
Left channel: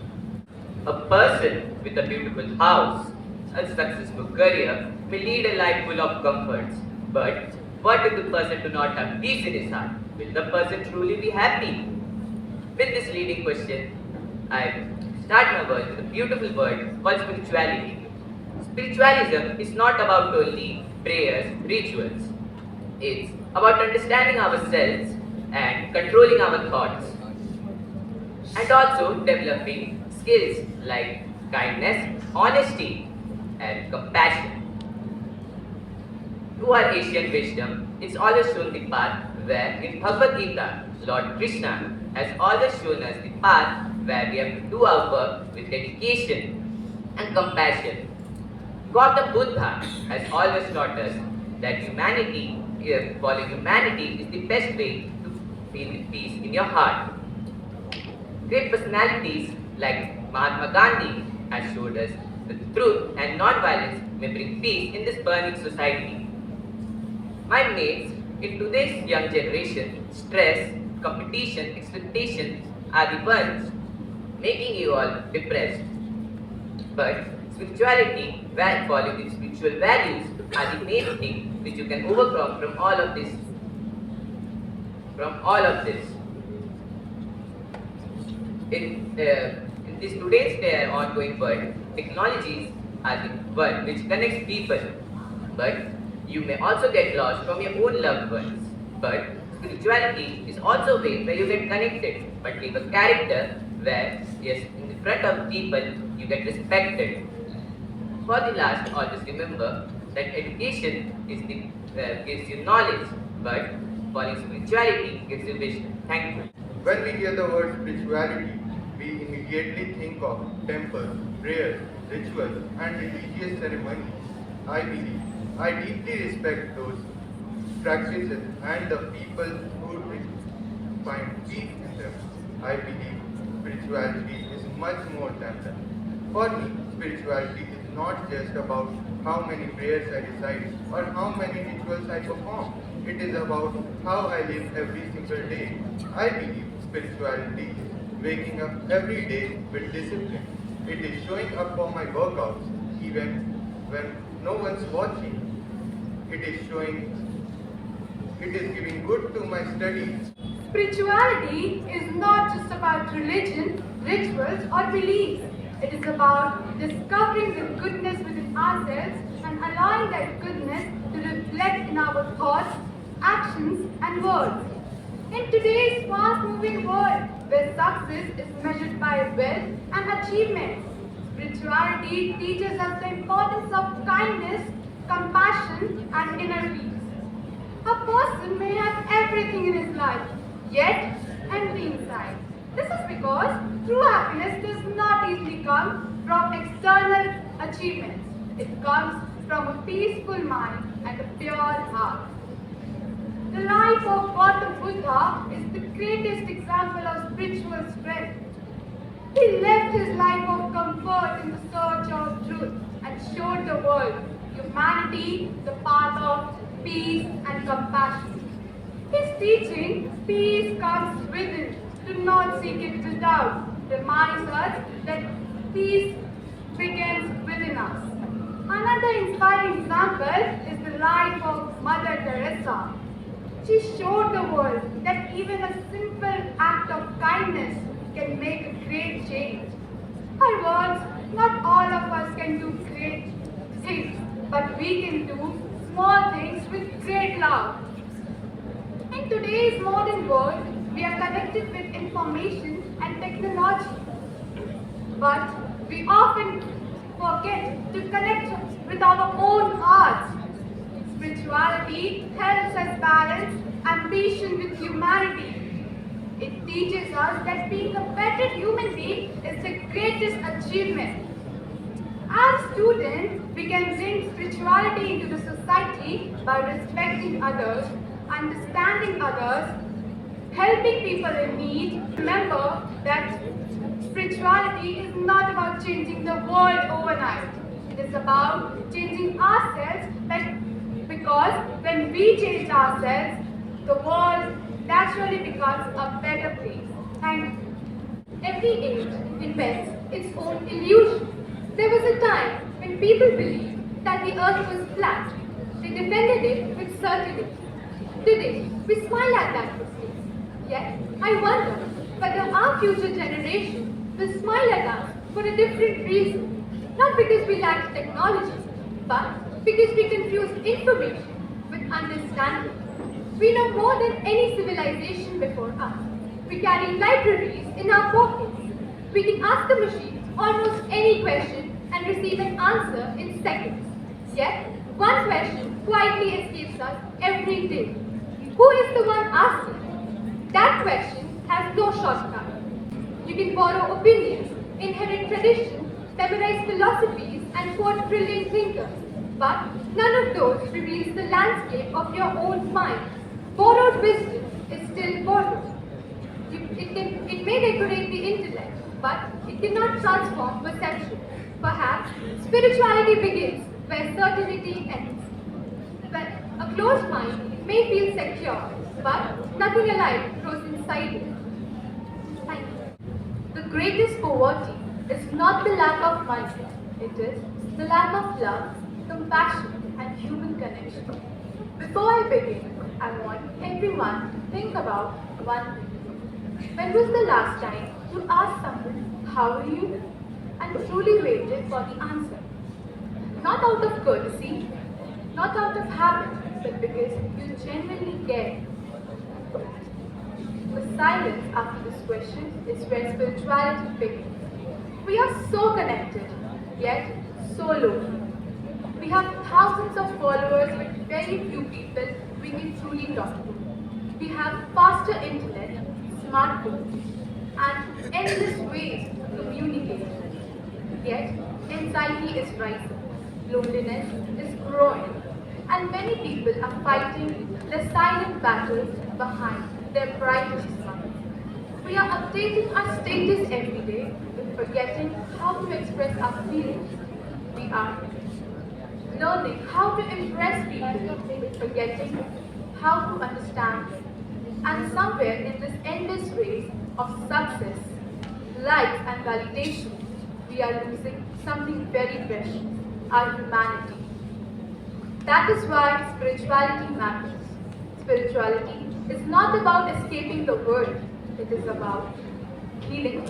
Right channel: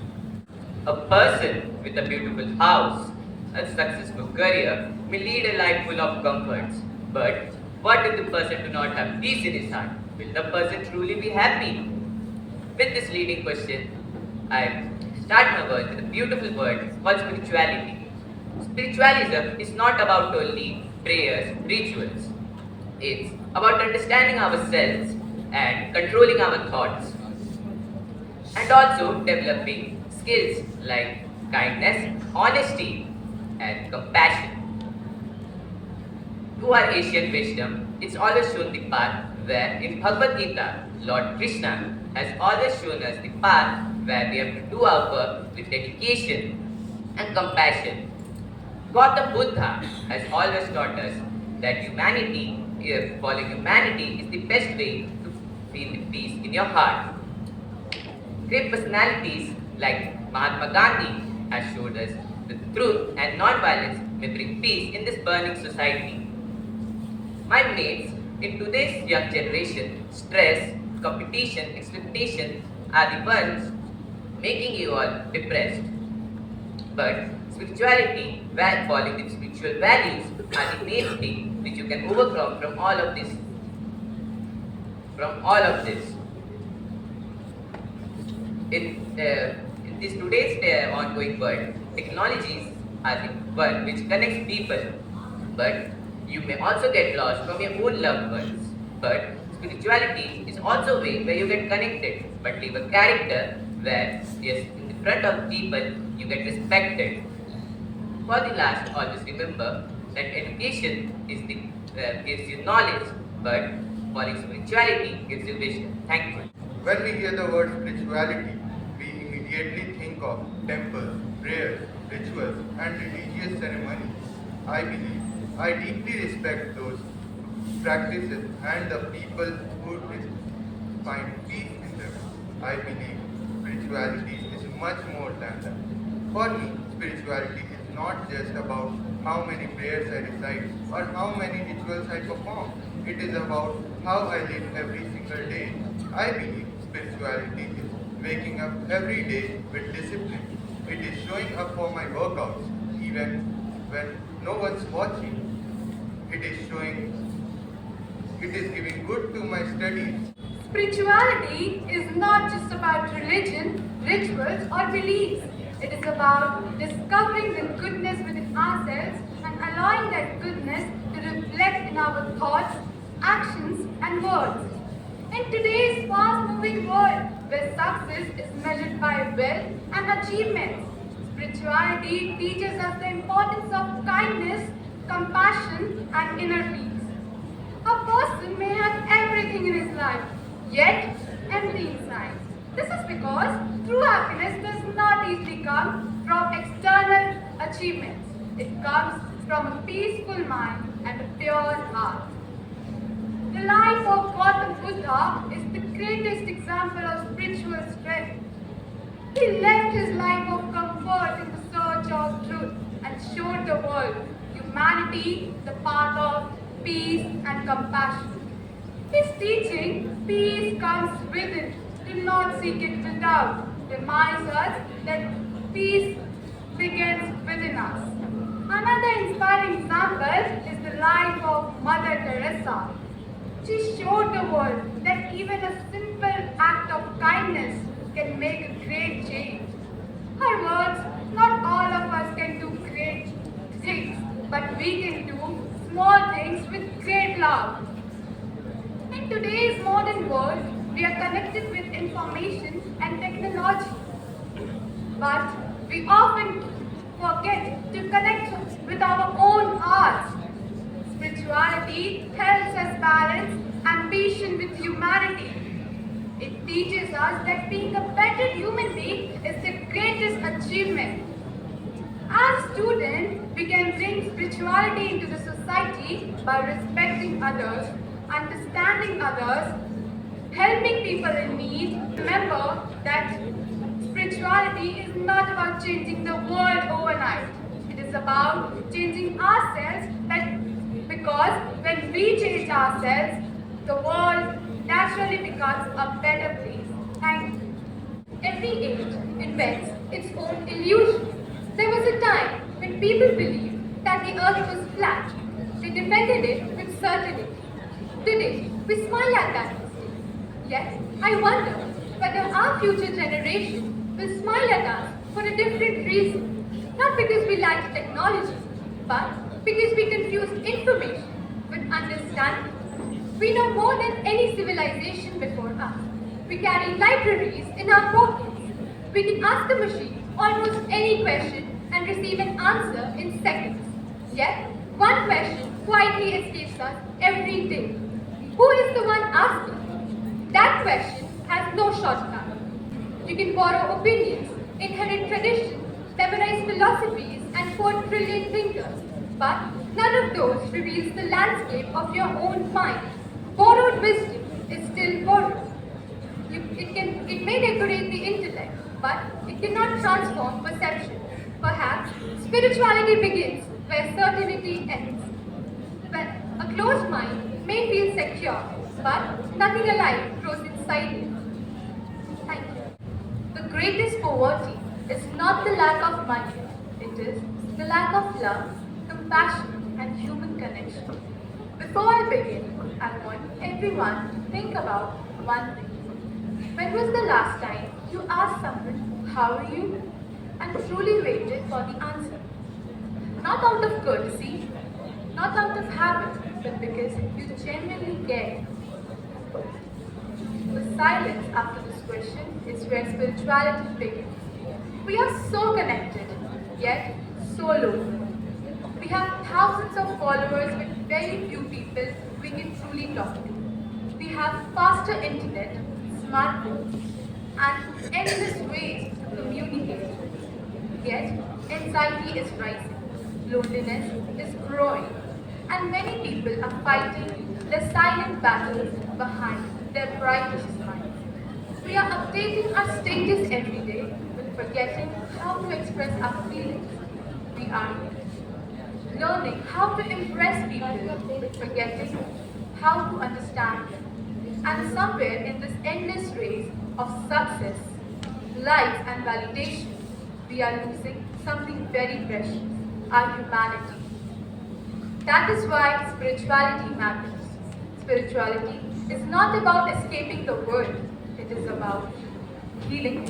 A person with a beautiful house A successful career may lead a life full of comforts. But what if the person do not have peace in his heart? Will the person truly be happy? With this leading question, I start my word with a beautiful word called spirituality. Spiritualism is not about only prayers, rituals. It's about understanding ourselves and controlling our thoughts, and also developing skills like kindness, honesty, and compassion. To our Asian wisdom, it's always shown the path where in Bhagavad Gita, Lord Krishna has always shown us the path where we have to do our work with dedication and compassion. Gautam Buddha has always taught us that following humanity is the best way to feel the peace in your heart. Great personalities like Mahatma Gandhi has showed us the truth and non-violence may bring peace in this burning society. My mates, in today's young generation, stress, competition, expectation are the ones making you all depressed. But spirituality, where following the spiritual values, are the main thing which you can overcome from all of this. From all of this. In this today's ongoing world, technologies are the one which connects people, but you may also get lost from your own loved ones. But spirituality is also a way where you get connected, but leave a character where, yes, in the front of people, you get respected. For the last, always remember that education is the gives you knowledge, but following spirituality gives you wisdom. Thank you. When we hear the word spirituality, we immediately think of temples, prayers, rituals, and religious ceremonies. I deeply respect those practices and the people who find peace in them. I believe spirituality is much more than that. For me, spirituality is not just about how many prayers I recite or how many rituals I perform. It is about how I live every single day. I believe spirituality is waking up every day with discipline. It is showing up for my workouts even when no one's watching. It is giving good to my studies. Spirituality is not just about religion, rituals, or beliefs. It is about discovering the goodness within ourselves and allowing that goodness to reflect in our thoughts, actions, and words. In today's fast-moving world, where success is measured by wealth and achievements, spirituality teaches us the importance of kindness, compassion, and inner peace. A person may have everything in his life, yet empty inside. This is because true happiness does not easily come from external achievements. It comes from a peaceful mind and a pure heart. The life of Gautam Buddha is the greatest example of spiritual strength. He left his life of comfort in the search of truth and showed the world humanity the path of peace and compassion. His teaching, peace comes within, do not seek it without, reminds us that peace begins within us. Another inspiring example is the life of Mother Teresa. She showed the world that even a simple act of kindness can make a great change. Her words, not all of us can do great things, but we can do small things with great love. In today's modern world, we are connected with information and technology, but we often forget to connect with our own hearts. Spirituality helps us balance ambition with humanity. It teaches us that being a better human being is the greatest achievement. As a student, we can bring spirituality into the society by respecting others, understanding others, helping people in need. Remember that spirituality is not about changing the world overnight. It is about changing ourselves, because when we change ourselves, the world naturally becomes a better place. And every age invents its own illusion. There was a time When people believed that the earth was flat, they defended it with certainty. Today, we smile at that mistake. Yet, I wonder whether our future generation will smile at us for a different reason. Not because we lack technology, but because we confuse information with understanding. We know more than any civilization before us. We carry libraries in our pockets. We can ask a machine almost any question and receive an answer in seconds. Yet, one question quietly escapes us every day. Who is the one asking? That question has no shortcut. You can borrow opinions, inherit traditions, memorize philosophies, and quote brilliant thinkers. But none of those reveals the landscape of your own mind. Borrowed wisdom is still borrowed. It may decorate the intellect, but it cannot transform perception. Perhaps spirituality begins where certainty ends. When a closed mind may feel secure, but nothing alive grows inside it. Thank you. The greatest poverty is not the lack of money, it is the lack of love, compassion, and human connection. Before I begin, I want everyone to think about one thing. When was the last time you asked someone, how are you? And truly waited for the answer? Not out of courtesy, not out of habit, but because you genuinely care. The silence after this question is where spirituality begins. We are so connected, yet so lonely. We have thousands of followers with very few people we can truly talk to. We have faster internet, smartphones, and endless ways to communicate. Yet, anxiety is rising, loneliness is growing, and many people are fighting the silent battles behind their brightest smiles. We are updating our status every day, but forgetting how to express our feelings. We are learning how to impress people, but forgetting how to understand them. And somewhere in this endless race of success, likes, and validation, we are losing something very precious, our humanity. That is why spirituality matters. Spirituality is not about escaping the world, it is about healing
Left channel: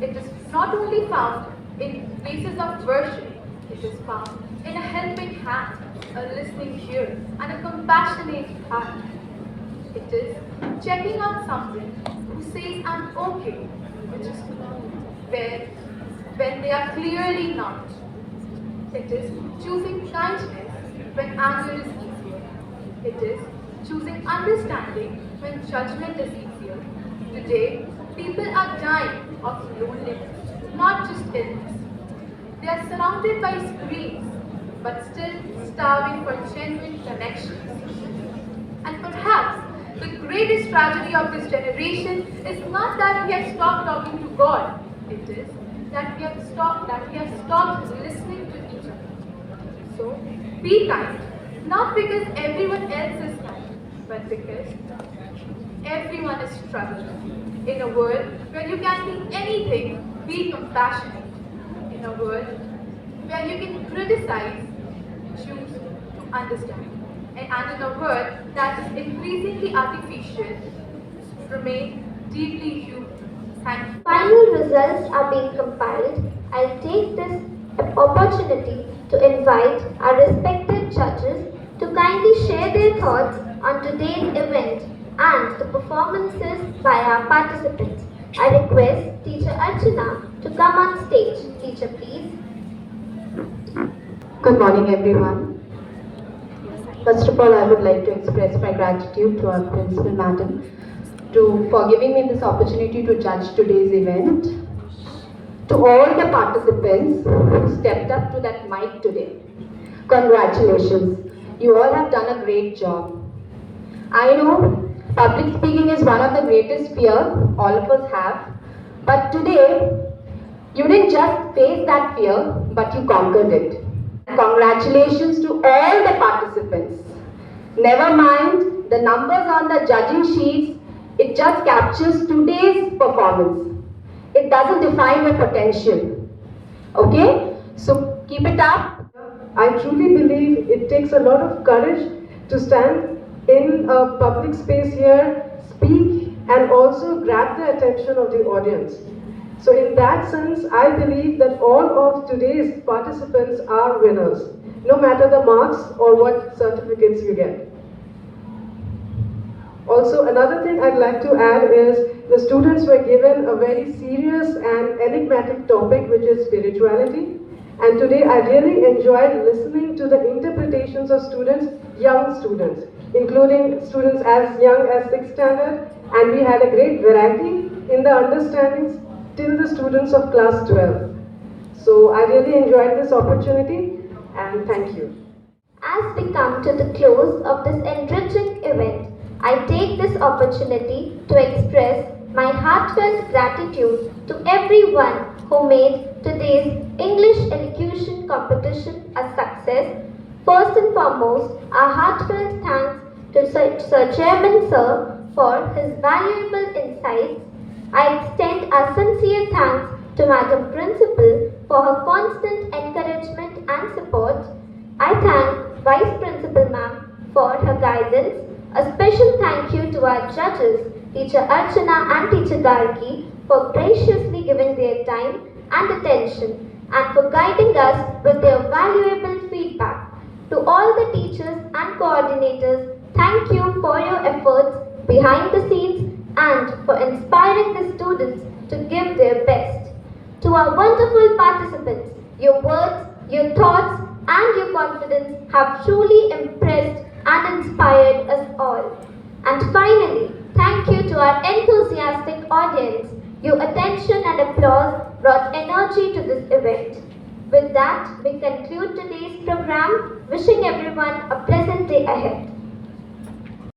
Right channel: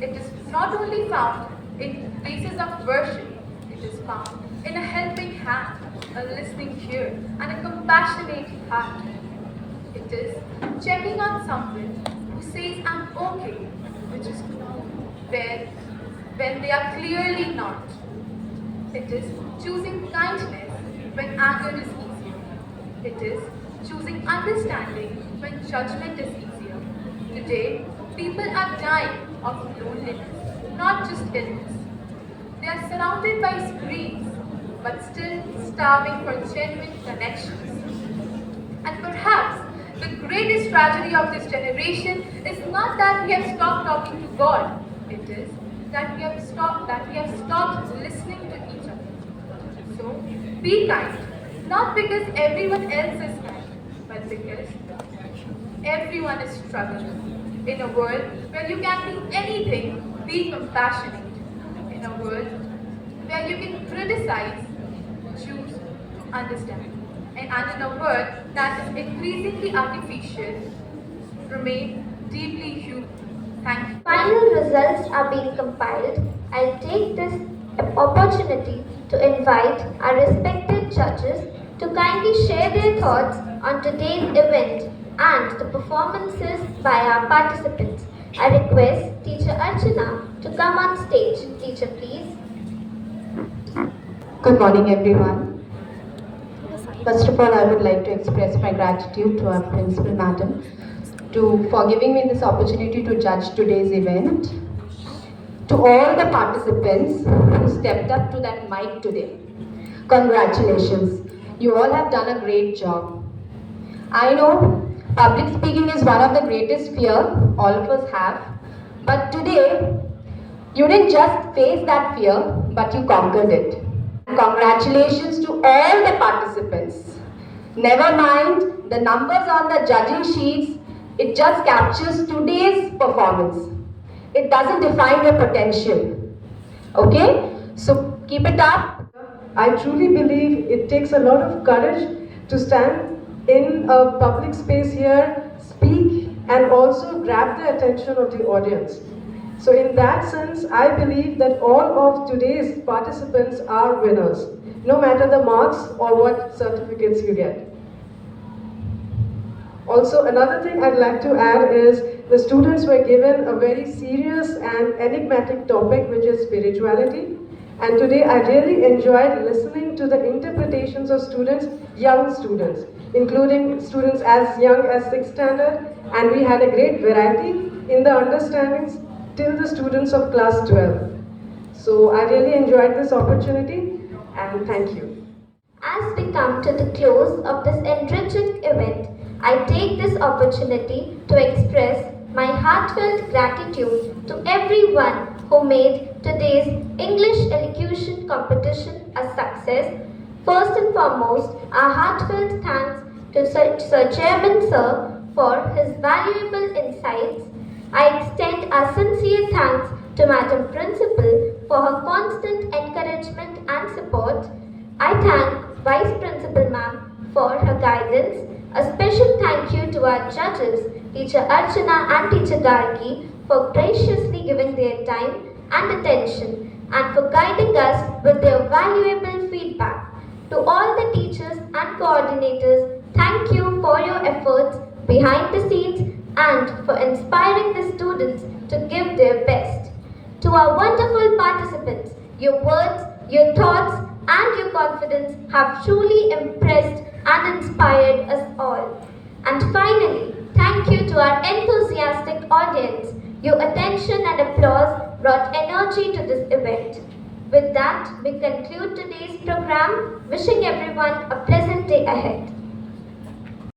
it. It is not only found in places of worship, it is found in a helping hand, a listening ear, and a compassionate heart. It is checking on someone who says, I'm okay, which is when they are clearly not. It is choosing kindness when anger is easier. It is choosing understanding when judgment is easier. Today, people are dying of loneliness, not just illness. They are surrounded by screens, but still starving for genuine connections. And perhaps the greatest tragedy of this generation is not that we have stopped talking to God. It is that we have stopped listening to each other. So be kind, not because everyone else is kind, but because everyone is struggling. In a world where you can be anything, be compassionate. In a world where you can criticize, choose to understand. And in a world that is increasingly artificial, remain deeply human. Thank you. Final results are being compiled. I'll take this opportunity to invite our respected judges to kindly share their thoughts on today's event and the performances by our participants. I request Teacher Archana to come on stage. Teacher, please. Good morning, everyone. First of all, I would like to express my gratitude to our principal madam for giving me this opportunity to judge today's event. To all the participants who stepped up to that mic today, congratulations. You all have done a great job. I know public speaking is one of the greatest fear all of us have, but today you didn't just face that fear, but you conquered it. Congratulations to all the participants. Never mind the numbers on the judging sheets, it just captures today's performance. It doesn't define your potential. Okay? So Keep it up. I truly believe it takes a lot of courage to stand in a public space here, speak, and also grab the attention of the audience. So in that sense, I believe that all of today's participants are winners, no matter the marks or what certificates you get. Also, another thing I'd like to add is the students were given a very serious and enigmatic topic, which is spirituality. And today I really enjoyed listening to the interpretations of students, young students, including students as young as 6th standard, and we had a great variety in the understandings till the students of class 12. So I really enjoyed this opportunity, and thank you. As we come to the close of this enriching event, I take this opportunity to express my heartfelt gratitude to everyone who made today's English elocution competition a success. First and foremost, our heartfelt thanks to Sir Chairman Sir for his valuable insights. I extend our sincere thanks to Madam Principal for her constant encouragement and support. I thank Vice Principal Ma'am for her guidance. A special thank you to our judges, Teacher Archana and Teacher Gargi, for graciously giving their time and attention and for guiding us with their valuable feedback. To all the teachers and coordinators, thank you for your efforts behind the scenes and for inspiring the students to give their best. To our wonderful participants, your words, your thoughts, and your confidence have truly impressed and inspired us all. And finally, thank you to our enthusiastic audience. Your attention and applause brought energy to this event. With that, we conclude today's program, wishing everyone a pleasant day ahead.